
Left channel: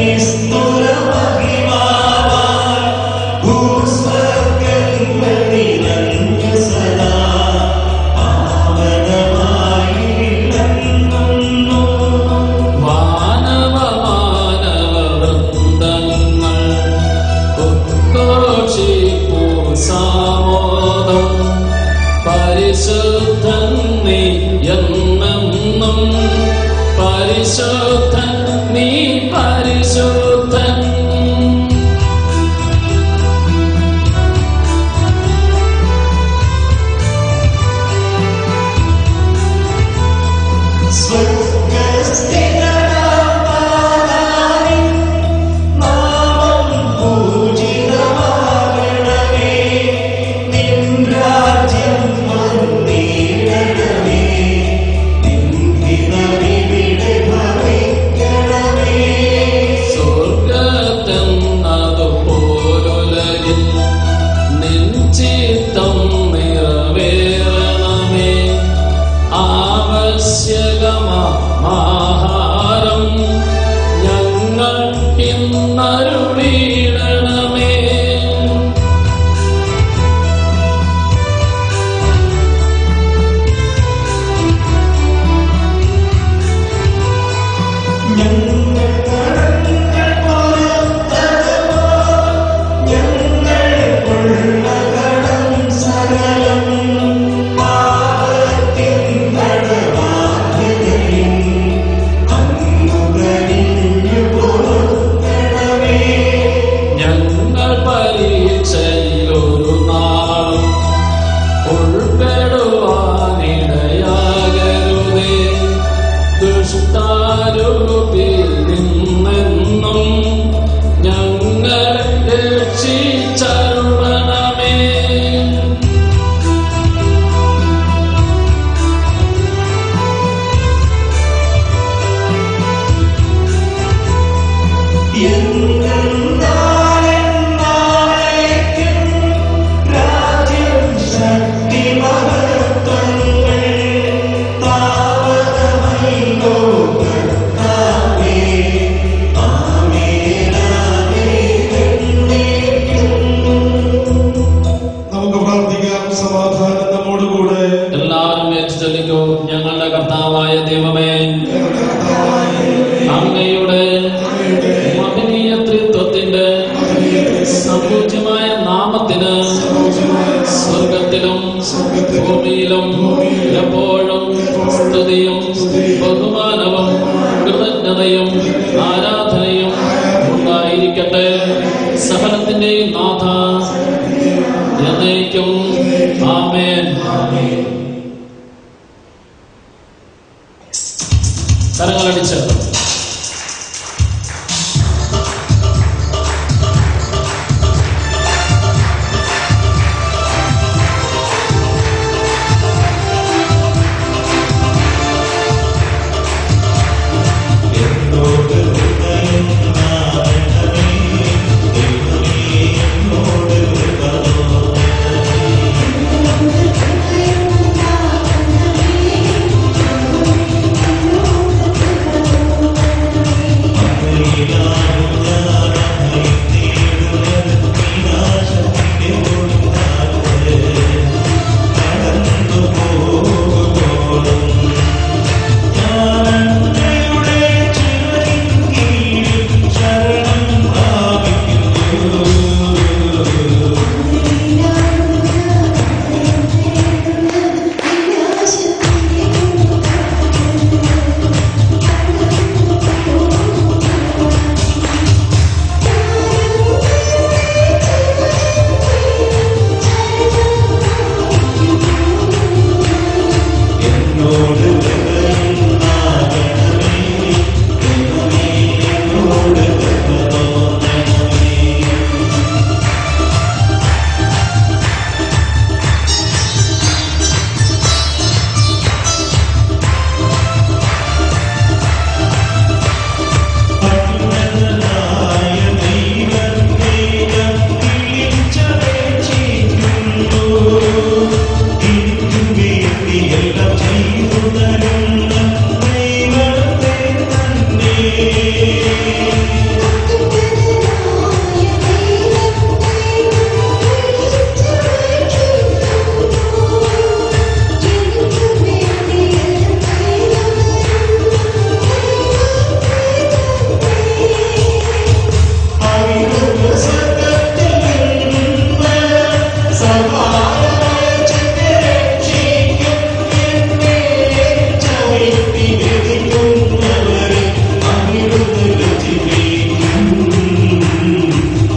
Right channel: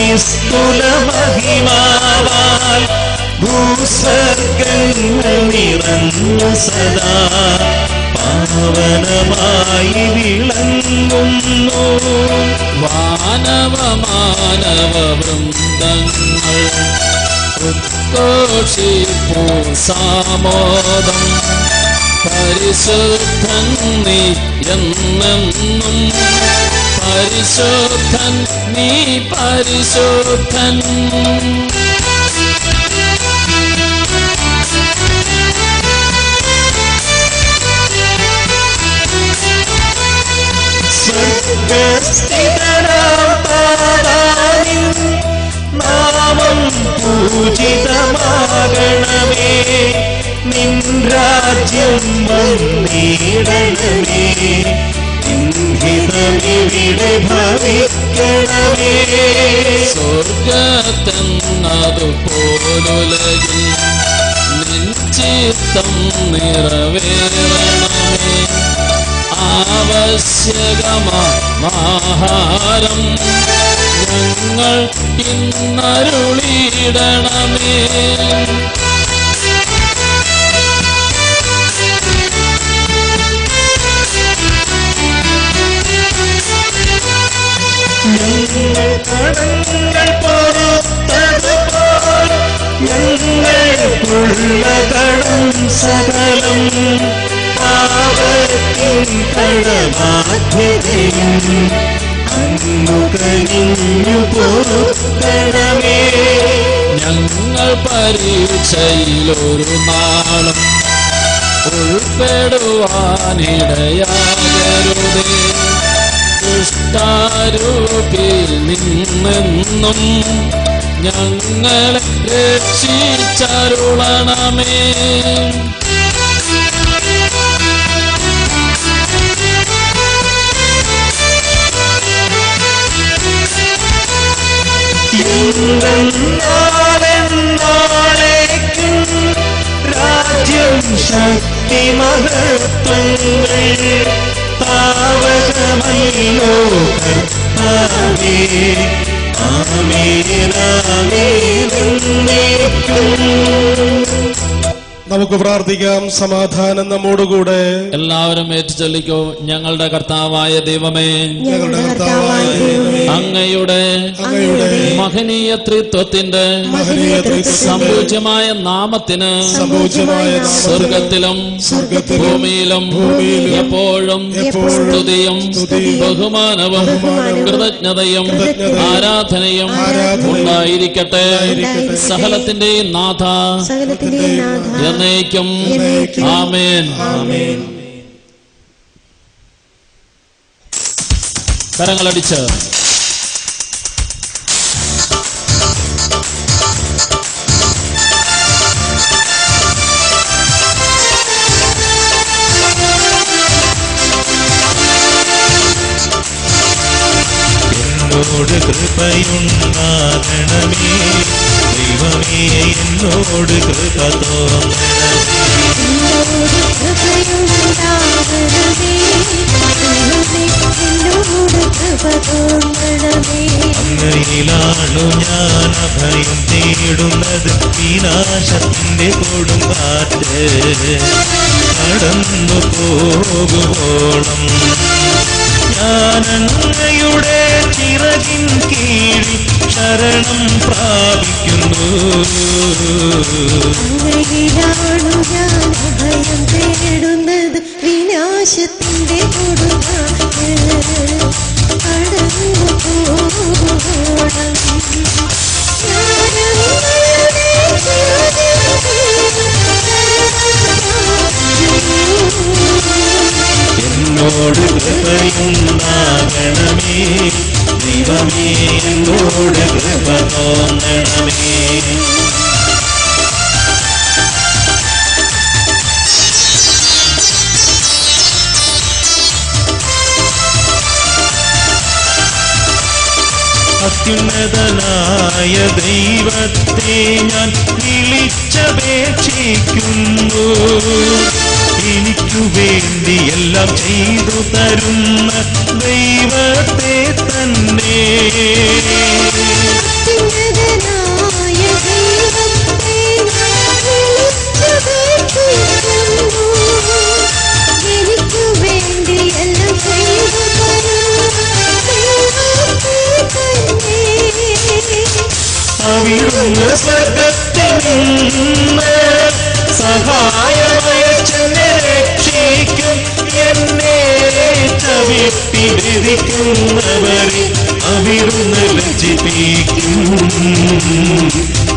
നിസ്തുലമഹിമാവാൽ ഭൂസ്വർഗങ്ങൾ നിറഞ്ഞു സദാ പാവനമായി വിളങ്ങുന്നു. വാനവമാനവവൃന്ദങ്ങൾ ഉദ്ഘോഷിപ്പൂ സാമോദം. പരിശുദ്ധൻ നീ എന്നെന്നും. പരിശുദ്ധൻ നീ പരിശുദ്ധൻ. സ്വർഗസ്ഥിതനാം നാമം പൂജിതമാകണമേ. നിൻ രാജ്യം വന്നിടണമേ. ഇവിടെ ഭവിക്കണമേ. സ്വർഗത്തെന്നതുപോലുലകിൽ നിൻ ചിത്തം നിറവേറണമേ. ആവശ്യകമാഹാരം ഞങ്ങൾ ഇന്നരുളിയിടണമേ. സകലം പാപത്തിൻ കടബാധ്യതയും അങ്ങുകനിഞ്ഞു പൊറുക്കണമേ. ഞങ്ങൾ പരീക്ഷയിലൊരു നാളും ഉൾപ്പെടുവാനിടയാകരുതേ. ദുഷ്ടാരൂപിയിൽ നിന്നെന്നും ഞങ്ങളെ രക്ഷിച്ചരുളണമേ. രാജ്യം ശക്തി മഹത്വങ്ങൾ താവകമൈനോ കർത്താവേ. നമുക്ക് പ്രാർത്ഥിക്കാം. സമാധാനം നമ്മോടുകൂടെ. എല്ലാവരും ഏറ്റുചൊല്ലിക്കോ. ഞങ്ങളുടെ കർത്താവായ ദൈവമേ, അങ്ങയുടെ മഹനീയ ത്രിത്വത്തിന്റെ സമ്പൂജ്യമായ നാമത്തിന് സ്വർഗത്തിലും ഭൂമിയിലും എപ്പോഴും സ്തുതിയും ബഹുമാനവും കൃതജ്ഞതയും ആരാധനയും ഉണ്ടായിരിക്കട്ടെ. സകലത്തിന്റെയും നാഥ എന്നേക്കും. ആമേൻ. കരങ്ങളടിച്ച് വേണ്ടി എല്ലാം ചെയ്തു തരുന്ന ദൈവത്തെ തന്നെ. അവിടുന്ന് സ്വർഗ്ഗത്തിൽ നിന്ന് സഹായമയച്ചെന്നെ രക്ഷിക്കും. എന്നെ ചവിട്ടിരിക്കുന്നവരെ അവിടുന്ന് ലജ്ജിപ്പിക്കും.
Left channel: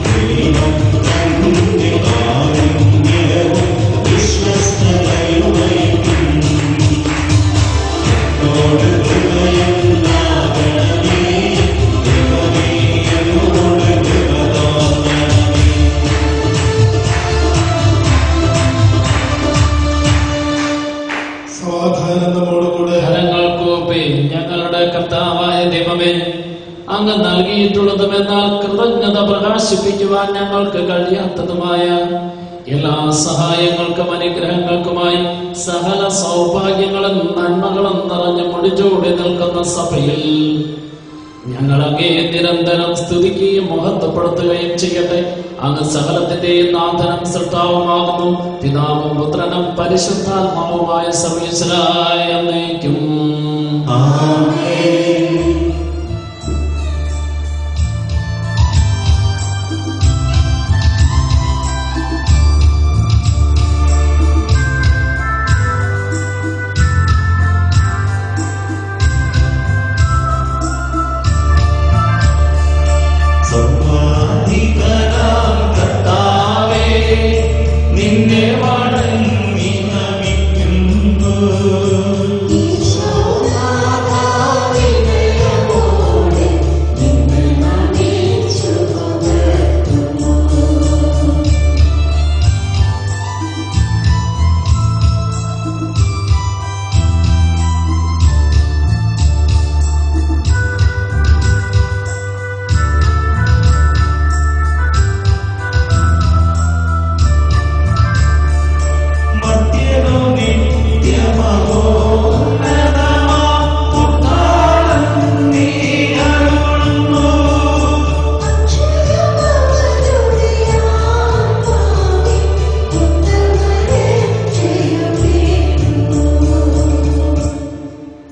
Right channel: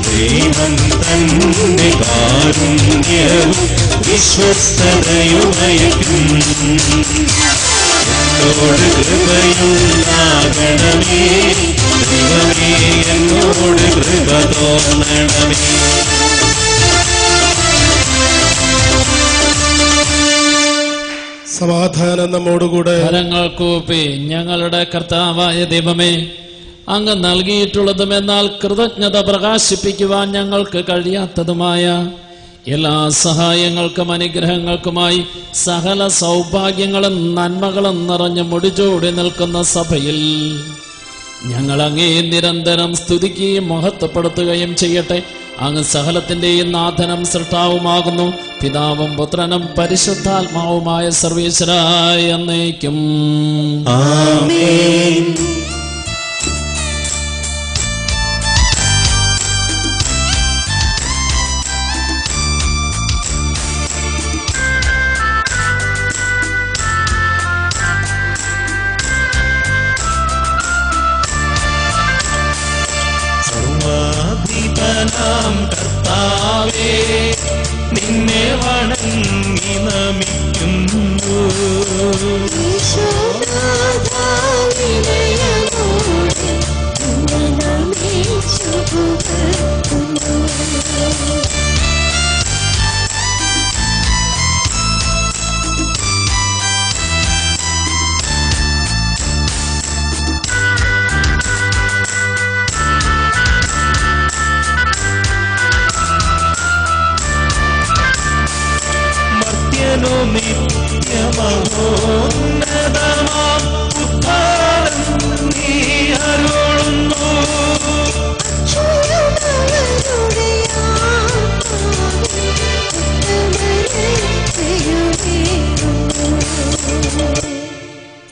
ദൈവം തന്റെ കാരുണ്യവും വിശ്വസ്തതയുമയക്കും. കൃപയുണ്ടാകണമേ, ദൈവമേ എന്നോട് കൃപ തോന്നണമേ. സമാധാനം നമ്മോടുകൂടെ. കരങ്ങൾ കൂപ്പി ഞങ്ങളുടെ കർത്താവായ ദൈവമേ, അങ്ങ് നൽകിയിട്ടുള്ളതും എന്നാൽ കൃതജ്ഞത പ്രകാശിപ്പിക്കുവാൻ ഞങ്ങൾക്ക് കഴിയാത്തതുമായ എല്ലാ സഹായങ്ങൾക്കും അനുഗ്രഹങ്ങൾക്കുമായി സകല സൗഭാഗ്യങ്ങളും നന്മകളും നിറഞ്ഞ് മുടിച്ചോടി നിൽക്കുന്ന സഭയിൽ ഞങ്ങൾ അങ്ങേ നിരന്തരം സ്തുതിക്കുകയും മഹത്വപ്പെടുത്തുകയും ചെയ്യട്ടെ. അങ്ങ് സകലത്തിന്റെയും നാഥനും സൃഷ്ടാവുമാകുന്നു. പിതാവും പുത്രനും പരിശുദ്ധാത്മാവുമായ സർവീശ്വരായ എന്നേക്കും ആമേൻ. സർവാധിപനാം കർത്താവേ, നിന്നെ വണങ്ങി നമിക്കുന്നു.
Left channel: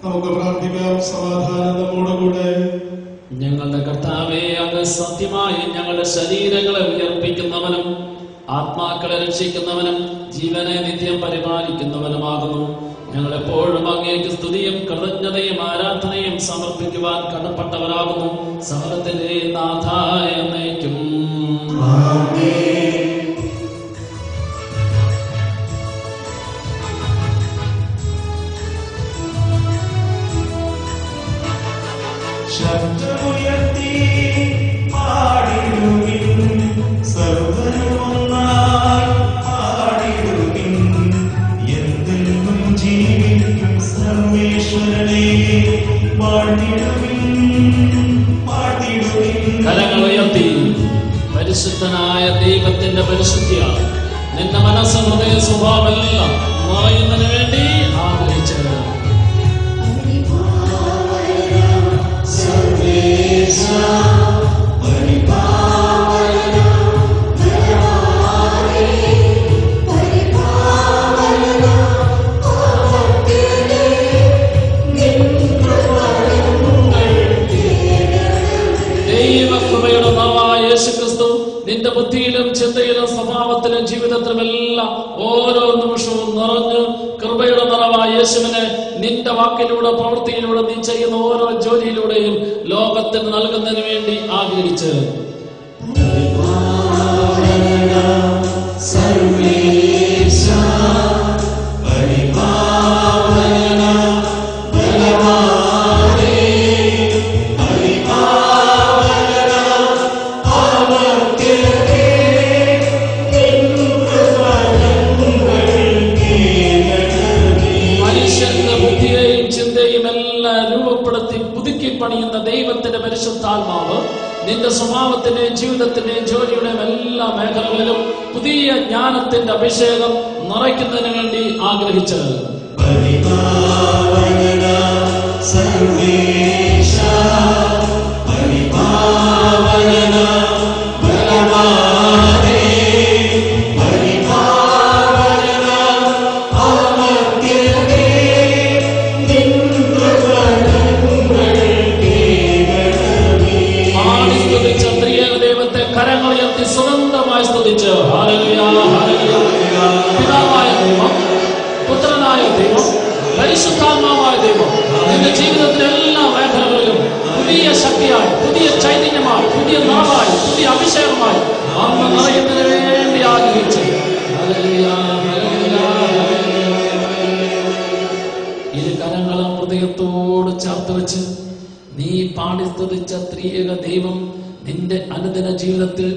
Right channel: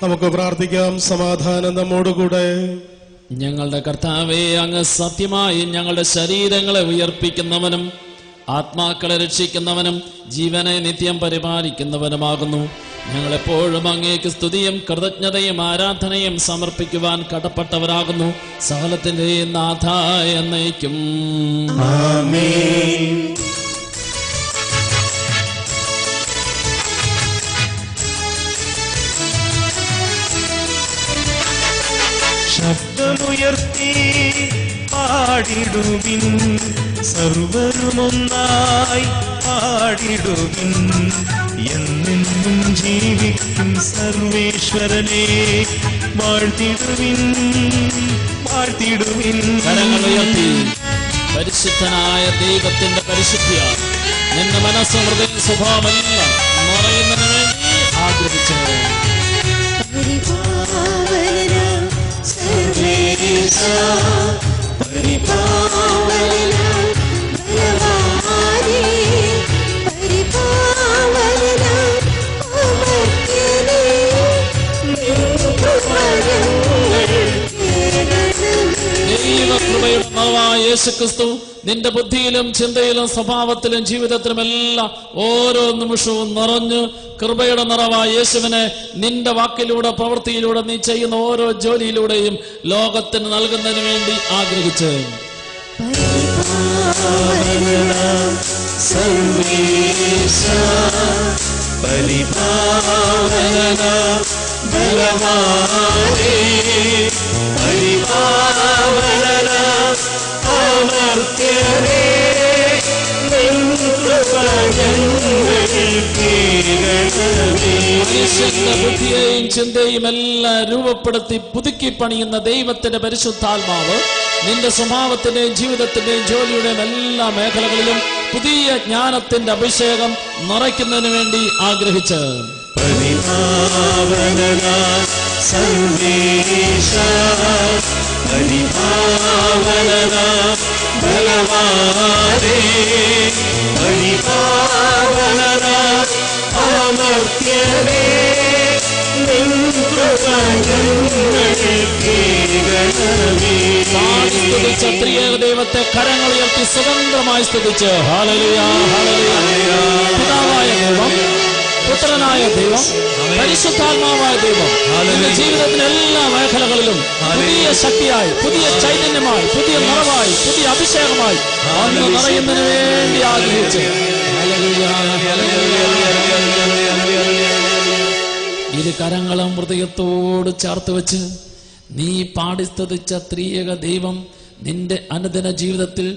നമുക്ക് പ്രാർത്ഥിക്കാം. സമാധാനം നമ്മോടുകൂടെ. ഞങ്ങളുടെ കർത്താവേ, അങ്ങ് സത്യമായി ഞങ്ങളുടെ ശരീരങ്ങളെ ഉയർപ്പിക്കുന്നവനും ആത്മാക്കളെ രക്ഷിക്കുന്നവനും ജീവനെ നിത്യം പരിപാലിക്കുന്നവനുമാകുന്നു. ഞങ്ങളെപ്പോഴും അങ്ങേക്ക് സ്തുതിയും കൃതജ്ഞതയും ആരാധനയും സമർപ്പിക്കുവാൻ കടപ്പെട്ടവരാകുന്നു. സകലത്തിന്റെ നാഥായ എന്നേക്കും ആമേൻ. ശബ്ദമുയർത്തി പാടിടുവിൻ, സർവരുമൊന്നായി പാടിടുവിൻ. എന്നെന്നും ജീവിക്കും സർവേശ്വരനെ വാഴ്ത്തിടുവിൻ, വാഴ്ത്തിടുവിൻ. കരങ്ങൾ ഉയർത്തി പരിശുദ്ധനായ ദൈവത്തിന്റെ പരിശുദ്ധിയ നിന്റെ മനസ്സഹൃദയ സ്വഭാവമെല്ലാം നിറയുന്നതിന് വേണ്ടി ആഗ്രഹിച്ചത്. യേശുക്രിസ്തു നിന്റെ ബുദ്ധിയിലും ചിന്തയിലും സ്വഭാവത്തിലും ജീവിതത്തിലും എല്ലാം ഓരോ നിമിഷവും നിറഞ്ഞു കൃപയുടെ നിറവായ യേശുവിനെ നിന്റെ വാക്കിലൂടെ പ്രവൃത്തിയിലൂടെ നീ ചെയ്യുന്ന ഓരോ ജോലിയിലൂടെയും ലോകത്തിന് നൽകുന്നതിന് വേണ്ടി ആഗ്രഹിച്ച് ബുദ്ധിയെയും ചിന്തയും എല്ലാം രൂപപ്പെടുത്തി പുതുക്കി പണിയുന്ന ദൈവത്തിന്റെ പരിശുദ്ധാത്മാവ് നിന്റെ സ്വഭാവത്തിന്റെയും ജീവിതത്തിന്റെയും ജോലിയുടെയും എല്ലാ മേഖലകളിലും പുതിയ ജ്ഞാനത്തിന്റെ അഭിഷേകം നിറയ്ക്കുന്നതിന് വേണ്ടി ആഗ്രഹിച്ചത്. പരിപാവന സർവേശ പരിപാവന ബലവാനേ പരിപാവന അമർത്യനേ ത്രിയേക ദൈവത്തെ കരങ്ങളുയർത്തി സ്വതന്ത്രമായി സ്തുതിച്ച് ഹല്ലേലൂയ ഹല്ലേലൂയ. പിതാവായ ദൈവം, പുത്രനായ ദൈവം, പരിശുദ്ധാത്മാവായ ദൈവം നിന്റെ ജീവിതത്തിലെ എല്ലാ മേഖലകളിലും പുതിയ ശക്തിയായി, പുതിയ ചൈതന്യമായി, പുതിയ നിറവായി, പുതിയ അഭിഷേകമായി അന്ന് നിറയുന്നതിന് വേണ്ടി ആഗ്രഹിച്ചു. ഹല്ലേലൂയ ഇരു കരങ്ങളും ഹൃദയത്തോട് ചേർത്ത് വെച്ച് നീ പാടി സ്തുതിച്ച ത്രിയേക ദൈവം നിന്റെ അനുദിന ജീവിതത്തിൽ